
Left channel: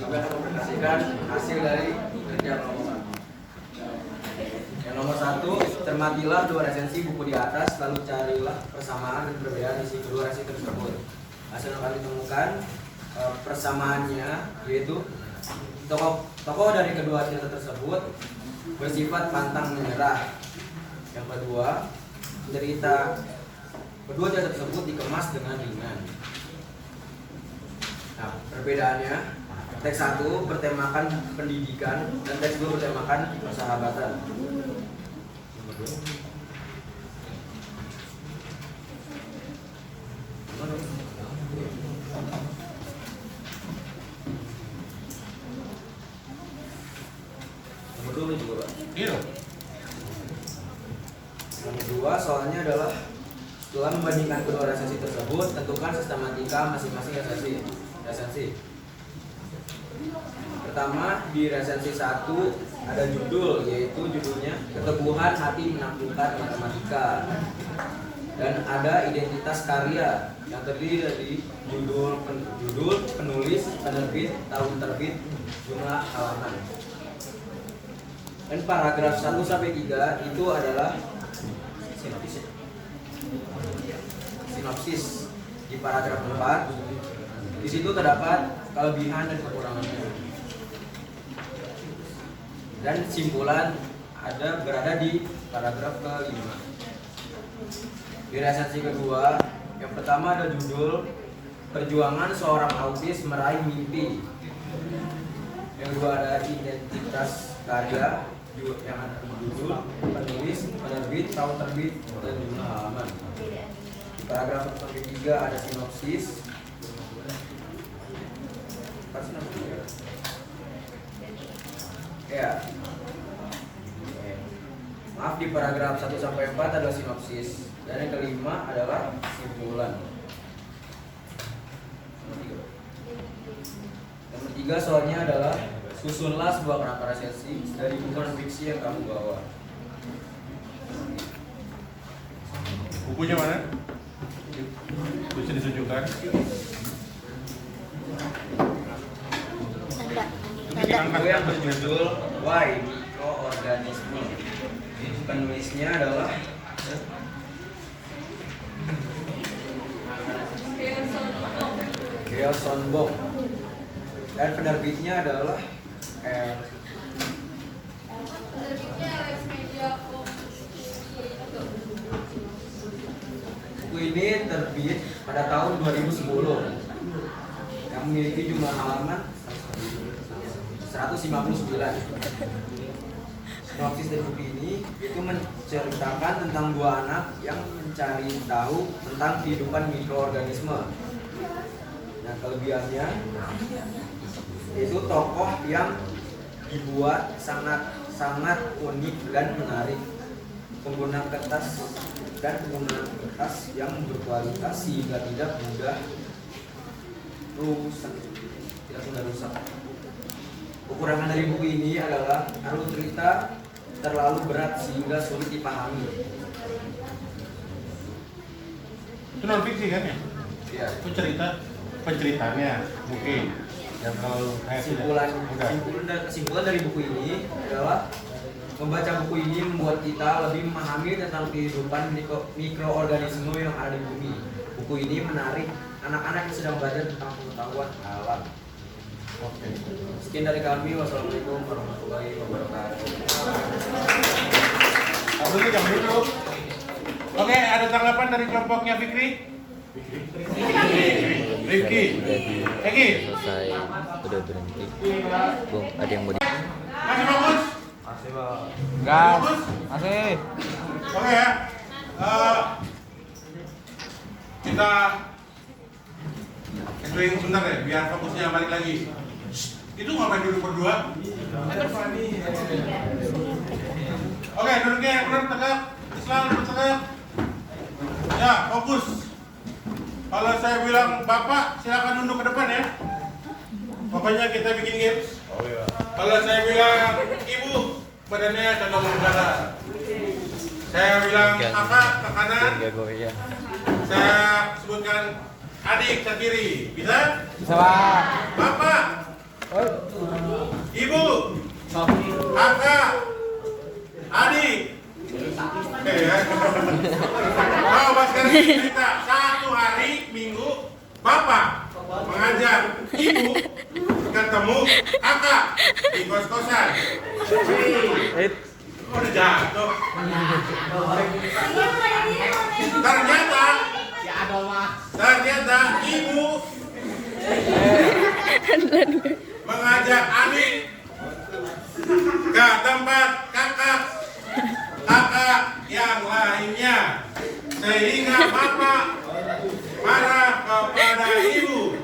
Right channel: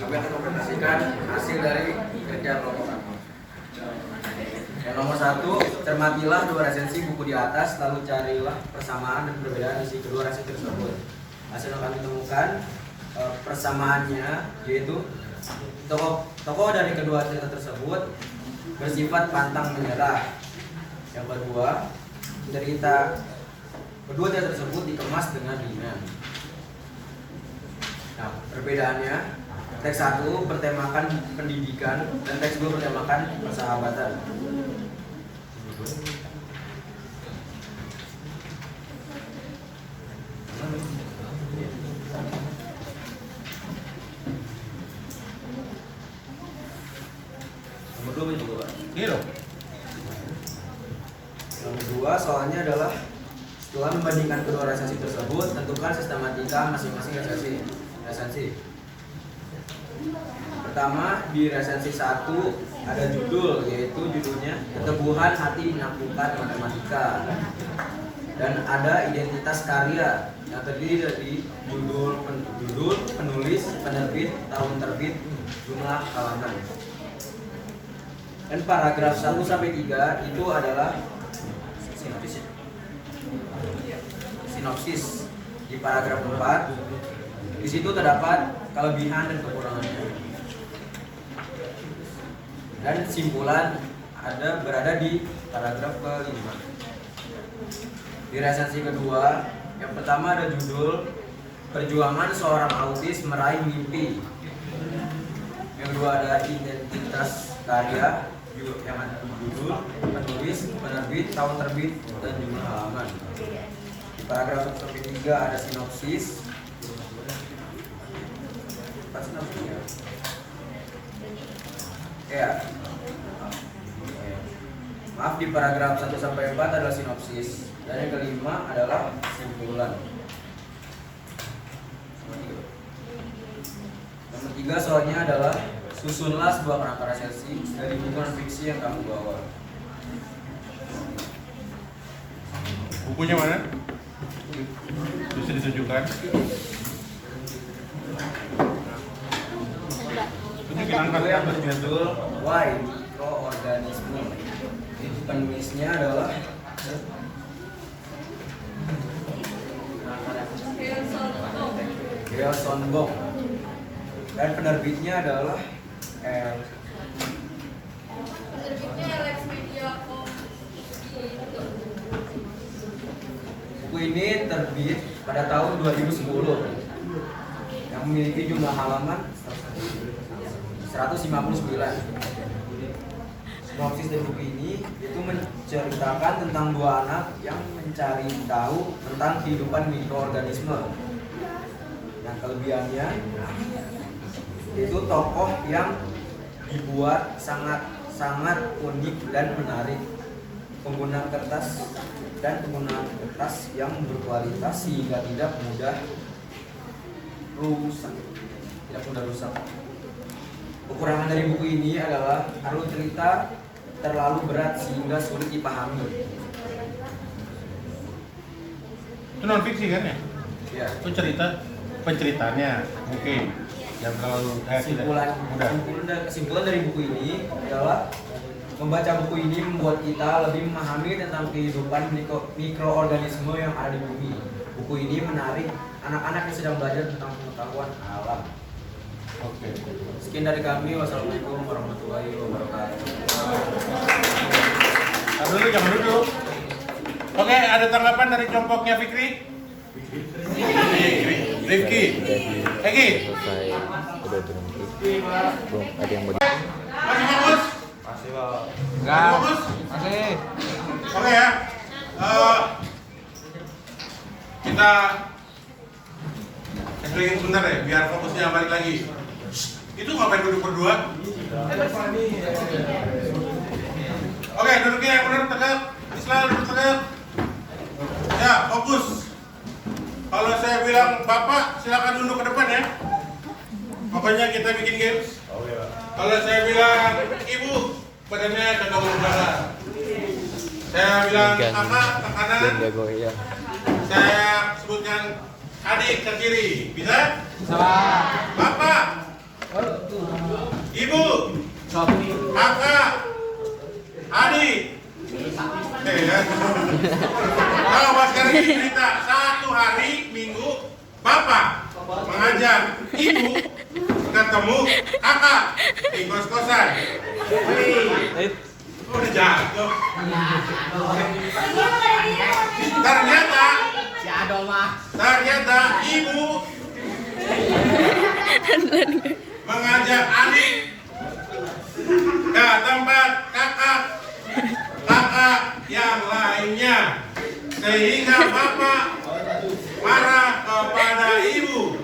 Kami akan mempresentasikan hasil dari kerja kelompok kami. Yang nomor 1, cermatilah 2 resensi buku di atas, lalu carilah persamaan dan perbedaan isi kedua resensi tersebut. Hasil yang kami temukan persamaannya yaitu tokoh dari kedua cerita tersebut bersifat pantang menyerah. Yang kedua, kedua cerita tersebut dikemas dengan ringan. Nah, perbedaannya, teks 1 bertemakan pendidikan dan teks 2 bertemakan persahabatan. Gila. Yang kedua soalnya adalah setelah membandingkan kedua resensi tersebut, tentukan sistematika masing-masing resensi. Pertama, di resensi 1 ada judul, yaitu judulnya Keteguhan Hati Menaklukkan Matematika. Dan ada identitas karya yang terdiri dari judul, penulis, penerbit, tahun terbit, jumlah halaman. Dan paragraf 1 sampai 3 itu adalah sinopsis. Di paragraf 4 di situ terdapat kelebihan dan kekurangannya. Dan simpulan berada di paragraf ke-5. Di resensi kedua, yang pertama ada judul Perjuangan Seorang Autis Meraih Mimpi. Yang kedua ada identitas karya, yang ada judul, penulis, penerbit, tahun terbit, dan jumlah halaman. Di paragraf 1-3 ada sinopsis. Ya. Maaf, di paragraf 1-4 adalah sinopsis. Dan yang kelima adalah simpulan. Yang ketiga soalnya adalah susunlah sebuah kerangka resensi dari buku non fiksi yang kamu bawa. Bukunya mana? Bisa ditunjukkan. Itu yang berjudul Why Microorganisme. Penulisnya adalah Dale Sonbong. Dan penerbitnya adalah buku ini terbit pada tahun 2010 yang memiliki jumlah halaman 159. Sinopsis dari buku ini itu menceritakan tentang dua anak yang mencari tahu tentang kehidupan mikroorganisme. Yang kelebihannya itu tokoh yang dibuat sangat unik dan menarik. Penggunaan kertas yang berkualitas sehingga tidak mudah rusak. Kekurangan dari buku ini adalah alur cerita terlalu berat sehingga sulit dipahami. Itu non fiksi kan ya? Ya. Itu penceritanya mungkin yang terlalu Kesimpulan dari buku ini adalah membaca buku ini membuat kita lebih memahami tentang kehidupan mikroorganisme yang ada di bumi. Buku ini menarik anak-anak yang sedang belajar tentang pengetahuan alam. Oke. Sekian dari kami. Wassalamualaikum warahmatullahi wabarakatuh. Jangan dulu. Oke, ada tanggapan dari kelompoknya Fikri? Rifki. Egi. Selesai, udah berhenti. Bung, ada yang mau Masih fokus? Masih, Pak. Masih fokus? Masih. Oke ya. Kita explain sebentar ya, biar fokusnya balik lagi. Itu ngapain duduk berdua? Oke, duduknya yang benar, tegak. Islam, duduk tegak. Ya, fokus. Kalau saya bilang Bapak, silakan duduk ke depan ya. Pokoknya kita bikin games. Kalau saya bilang Ibu, badannya kagak berbahasa. Saya bilang Kakak ke kanan. Saya sebutkan adik ke kiri. Bisa? Bisa, Pak. Bapak, Ibu, Kakak, adik. Oke ya. Coba sekarang cerita. Satu hari Minggu Bapak mengajak Ibu ketemu Kakak di kos-kosan. Udah jatuh. Ternyata Ibu mengajak adik ke tempat kakak yang lainnya, sehingga Bapak marah kepada Ibu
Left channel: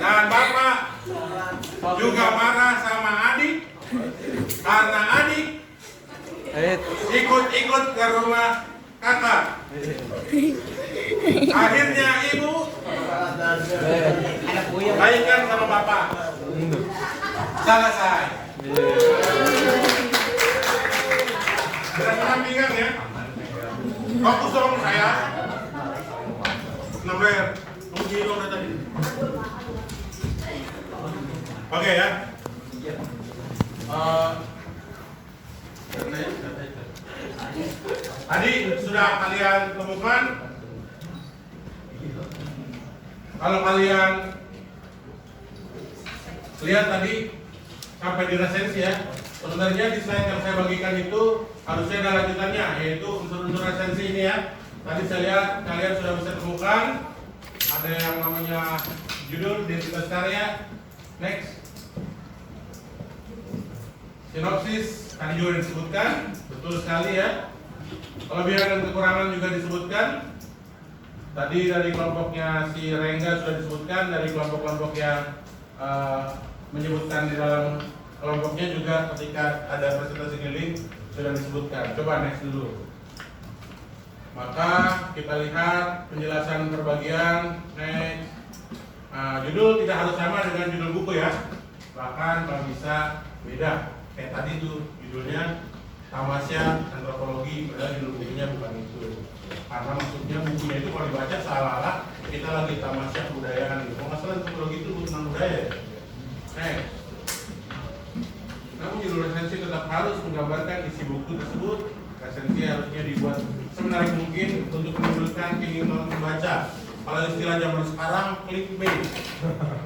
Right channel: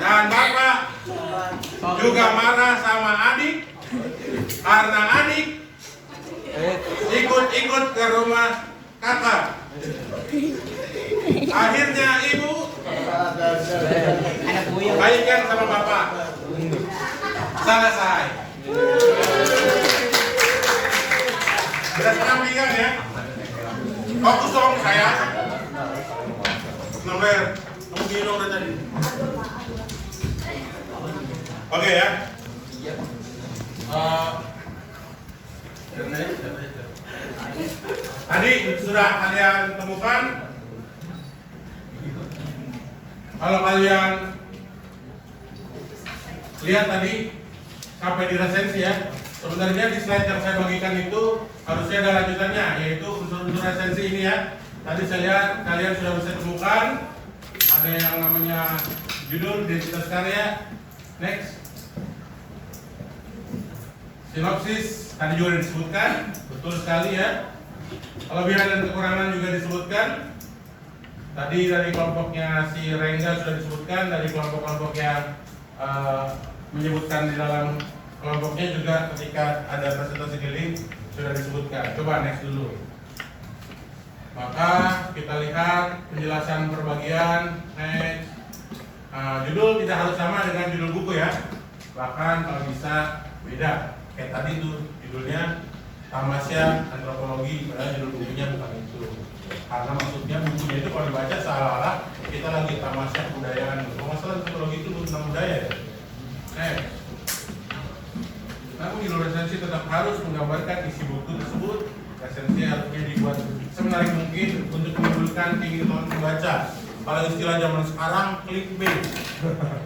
dan Bapak juga marah sama adik Karena adik ikut-ikut ke rumah kakak. Akhirnya ibu baikkan sama bapak. Selesai. Berat-berat pinggang ya. Fokus dong saya. Nomor gini dong tadi. Oke ya. Tadi sudah kalian temukan. Kalau kalian lihat tadi sampai di resensi ya. Sebenarnya di slide yang saya bagikan itu harusnya ada lanjutannya, yaitu unsur-unsur resensi ini ya. Tadi saya lihat kalian sudah bisa temukan ada yang namanya judul, identitas karya. Next. Sinopsis tadi juga disebutkan, betul sekali ya. Kelebihan dan kekurangan juga disebutkan. Tadi dari kelompoknya si Rengga sudah disebutkan, dari kelompok-kelompok yang menyebutkan di dalam kelompoknya juga ketika ada presentasi keliling sudah disebutkan. Coba next dulu. Maka kita lihat penjelasan perbagian. Next. Judul tidak harus sama dengan judul buku ya. Bahkan kalau bisa beda. Kayak tadi tuh judulnya Tamasya Antropologi, padahal judul bukunya bukan itu. Karena maksudnya bukunya itu kalau dibaca seolah-olah kita lagi tamasya kebudayaan. Kalau nggak salah antropologi itu tentang budaya ya. Namun judul resensi tetap harus menggambarkan isi buku tersebut. Resensi harusnya dibuat semenarik mungkin untuk menimbulkan keinginan membaca. Kalau istilah zaman sekarang clickbait.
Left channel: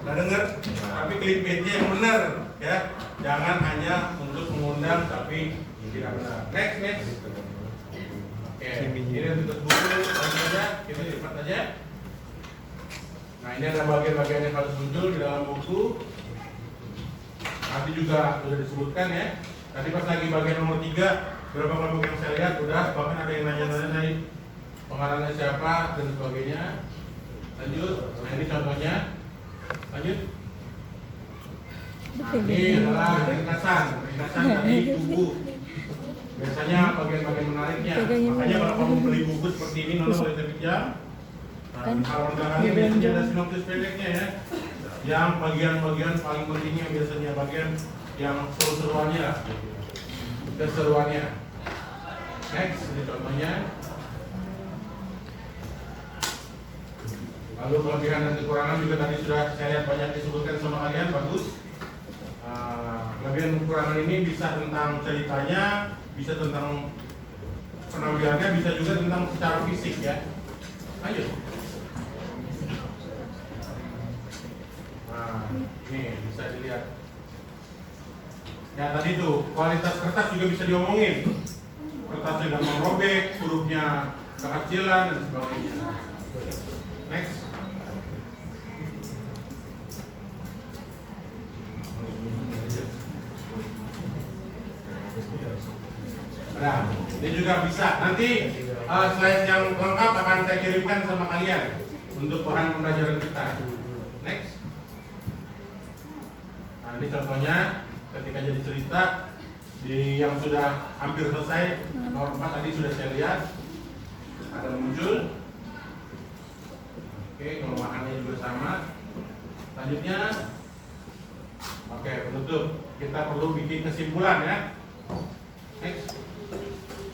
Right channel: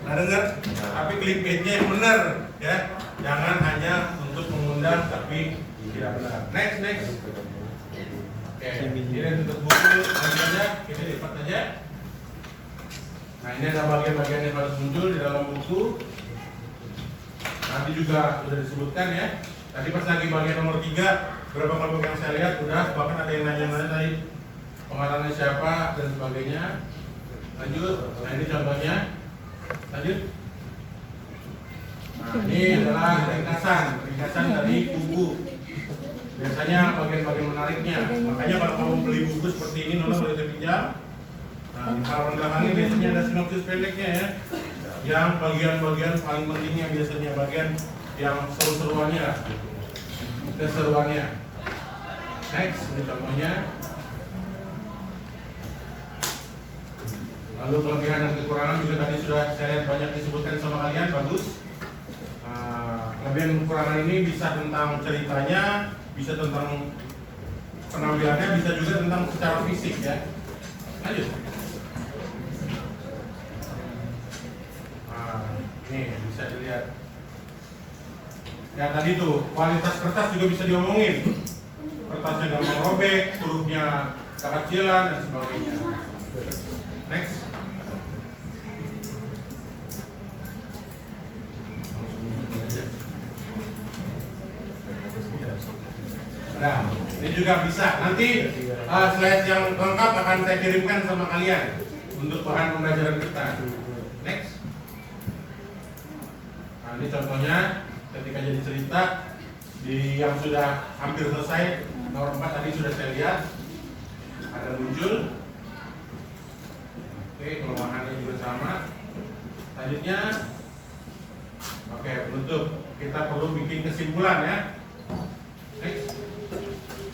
Nah dengar, tapi clickbaitnya yang benar ya. Jangan hanya untuk mengundang tapi tidak benar. Next. Oke, ini untuk buku langsung aja, kita lipat aja. Nah ini ada bagian-bagian yang harus muncul di dalam buku. Nanti juga sudah disebutkan ya. Tadi pas lagi bagian nomor 3, beberapa kelompok yang saya lihat udah, bahkan ada yang nanya-nanya pengarangnya siapa dan sebagainya. Lanjut, nah ini contohnya. Lanjut. Nah, ini adalah ringkasan dari buku. Biasanya bagian-bagian menariknya. Makanya kalau kamu beli buku seperti ini, Nona boleh terpinjam. Nah, di halaman belakangnya biasanya ada sinopsis pendeknya ya. Yang bagian-bagian paling pentingnya biasanya bagian yang seru-seruannya. Keseruannya. Next, ini contohnya. Lalu kelebihan dan kekurangan juga tadi sudah saya lihat banyak disebutkan sama kalian, bagus. Kelebihan dan kekurangan ini bisa tentang ceritanya, bisa tentang penampilannya, bisa juga tentang secara fisik ya. Lanjut. Nah, ini bisa dilihat. Ya tadi tuh kualitas kertas juga bisa diomongin. Kertasnya gampang robek, hurufnya kekecilan dan sebagainya. Next. Nah, ini juga bisa. Nanti slide yang lengkap akan saya kirimkan sama kalian untuk bahan pembelajaran kita. Next. Nah, ini contohnya ketika jadi cerita di yang sudah hampir selesai nomor 4 tadi sudah saya lihat ada muncul. Oke, kelemahannya juga sama. Selanjutnya, oke, penutup. Kita perlu bikin kesimpulan ya. Next.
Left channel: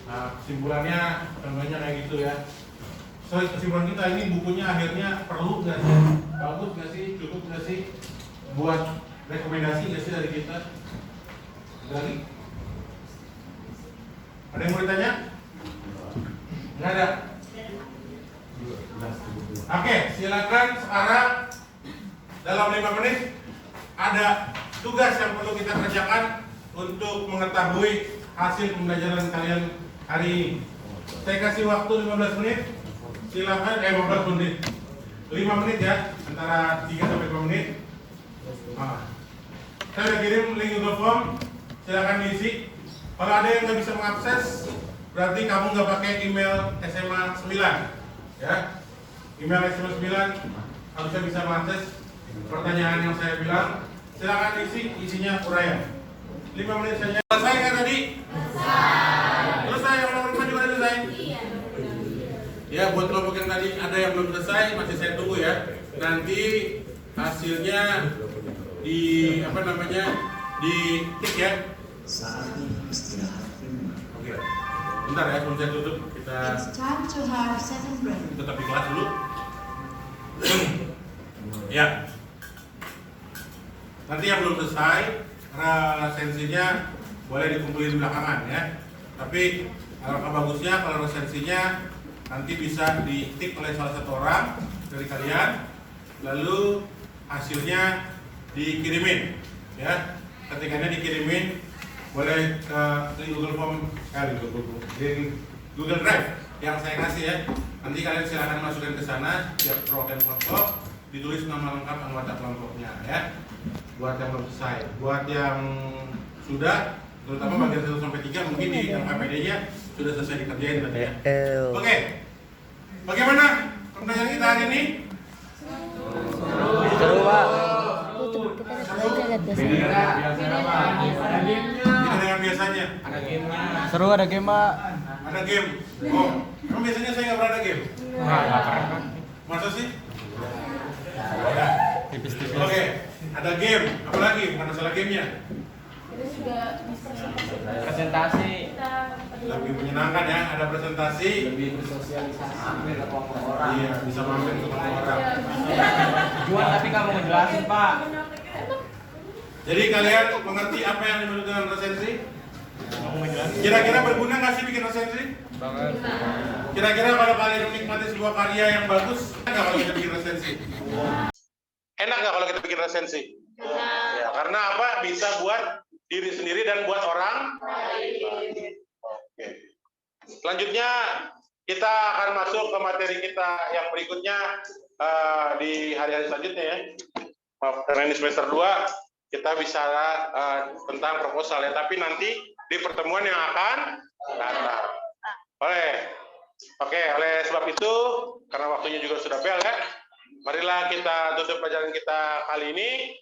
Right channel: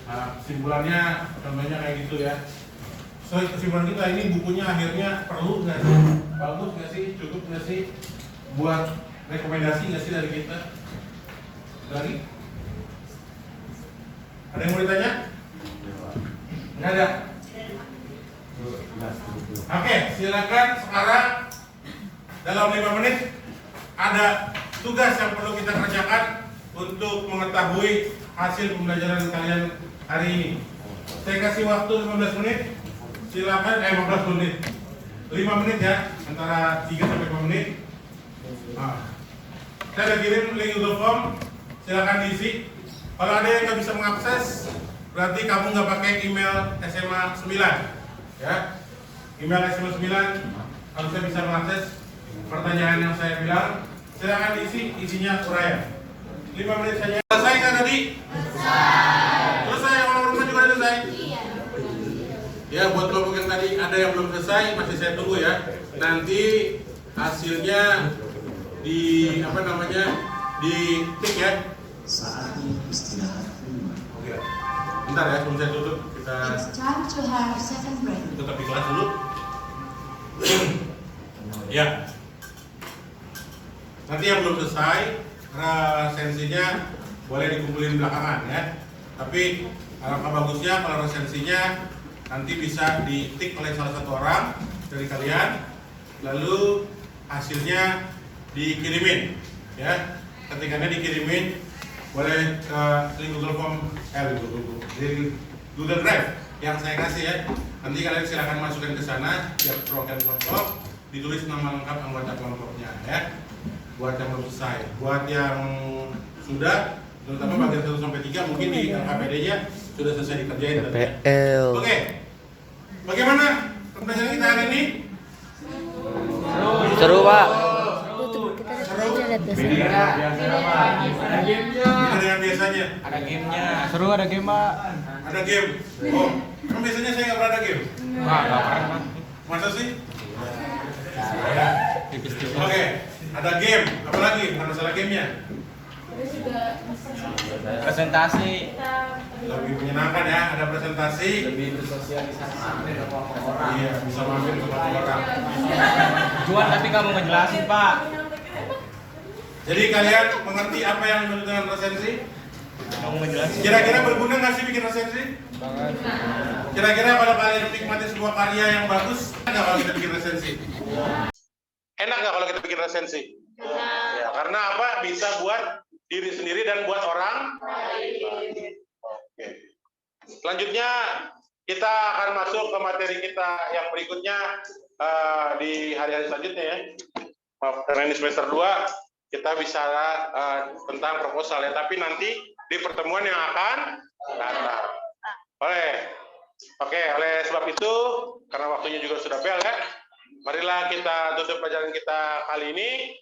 Nah, kesimpulannya contohnya kayak gitu ya. So, kesimpulan kita ini bukunya akhirnya perlu nggak sih? Bagus nggak sih? Cukup nggak sih? Buat rekomendasi nggak sih dari kita? Lagi? Ada yang mau ditanya? Nggak ada? Oke, silakan sekarang dalam 5 menit ada tugas yang perlu kita kerjakan untuk mengetahui hasil pembelajaran kalian hari ini. Saya kasih waktu 15 menit. Silakan 15 menit. 5 menit ya, antara 3 sampai 5 menit. Nah, saya udah kirim link Google Form. Silakan diisi. Kalau ada yang nggak bisa mengakses, berarti kamu nggak pakai email SMA 9. Ya. Email SMA 9 harusnya bisa mengakses pertanyaan yang saya bilang. Silakan diisi, isinya uraian. 5 menit saja. Selesai kan tadi? Selesai. Kalau rumah juga selesai? Iya. Ya, buat kelompok yang tadi ada yang belum selesai, masih saya tunggu ya. Nanti hasilnya di apa namanya? Di tik ya. Saatnya istirahat. Oke. Bentar ya, sebelum saya tutup kita It's time to have second break. tetap di kelas dulu. Ya. Nanti yang belum selesai, resensinya boleh dikumpulin belakangan ya. Tapi alangkah bagusnya kalau resensinya nanti bisa ditik oleh salah satu orang dari kalian, lalu hasilnya dikirimin ya. Ketikannya dikirimin boleh ke di Google Form, di Google Drive yang saya kasih ya. Nanti kalian silakan masukkan ke sana setiap program kelompok, ditulis nama lengkap anggota kelompoknya ya. Buat yang belum selesai, buat yang sudah, terutama bagian 1 sampai 3 mungkin di LKPD-nya sudah selesai dikerjain tadi ya. Oke. Bagaimana pembelajaran kita hari ini? Seru, Pak. Kita lihat biasanya. Beda dengan biasanya. Ada gamenya. Seru, ada game, Pak. Ada game. Oh, emang biasanya saya nggak pernah ada game. Masa sih? Ya. Oke, ada game. Apa lagi? Bukan masalah gamenya. Presentasi. Lebih menyenangkan ya. Ada presentasi. Lebih bersosialisasi ke kelompok orang. Iya, bisa mampir ke kelompok orang. Juan, tapi kamu ngejelasin, Pak. Jadi kalian mengerti apa yang dimaksud dengan resensi? Kira-kira berguna nggak sih bikin resensi? Kira-kira kalau kalian menikmati sebuah karya yang bagus, nggak kalau kita bikin resensi? Enak nggak kalau kita bikin resensi? Ya, karena apa? Bisa buat diri sendiri dan buat orang. Oke. Selanjutnya kita akan masuk ke materi kita yang berikutnya di hari-hari selanjutnya ya. Maaf, karena ini semester 2 kita bicara tentang proposal ya, tapi nanti di pertemuan yang akan datang. Oleh sebab itu, karena waktunya juga sudah bel ya, marilah kita tutup pelajaran kita kali ini.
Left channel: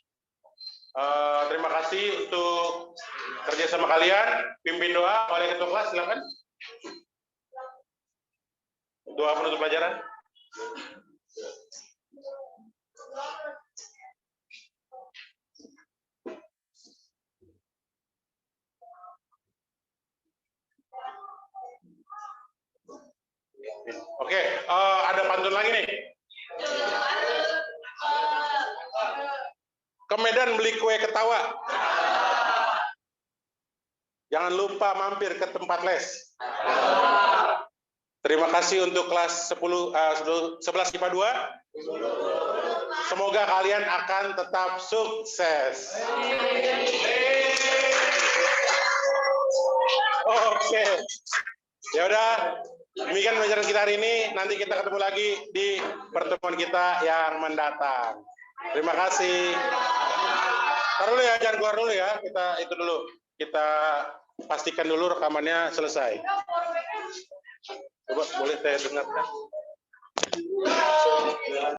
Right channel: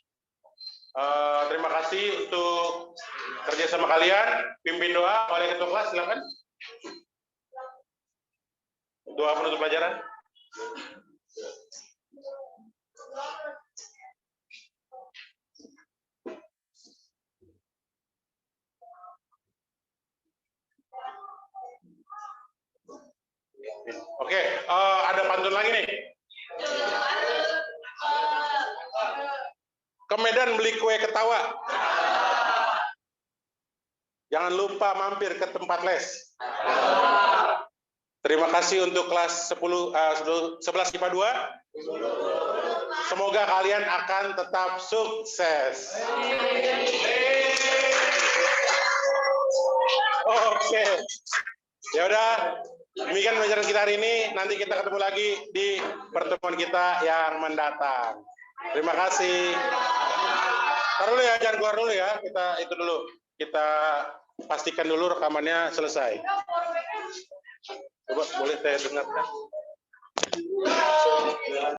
Terima kasih untuk kerjasama kalian. Pimpin doa oleh ketua kelas, silakan. Doa penutup pelajaran. Oke, ada pantun lagi nih. Ke Medan beli kue ketawa. Jangan lupa mampir ke tempat les. Terima kasih untuk kelas 11 IPA 2. Semoga kalian akan tetap sukses. Oke. Ya udah, demikian pelajaran kita hari ini. Nanti kita ketemu lagi di pertemuan kita yang mendatang. Terima kasih. Taruh dulu ya, jangan keluar dulu ya. Kita itu dulu. Kita pastikan dulu rekamannya selesai. Coba boleh saya dengarkan.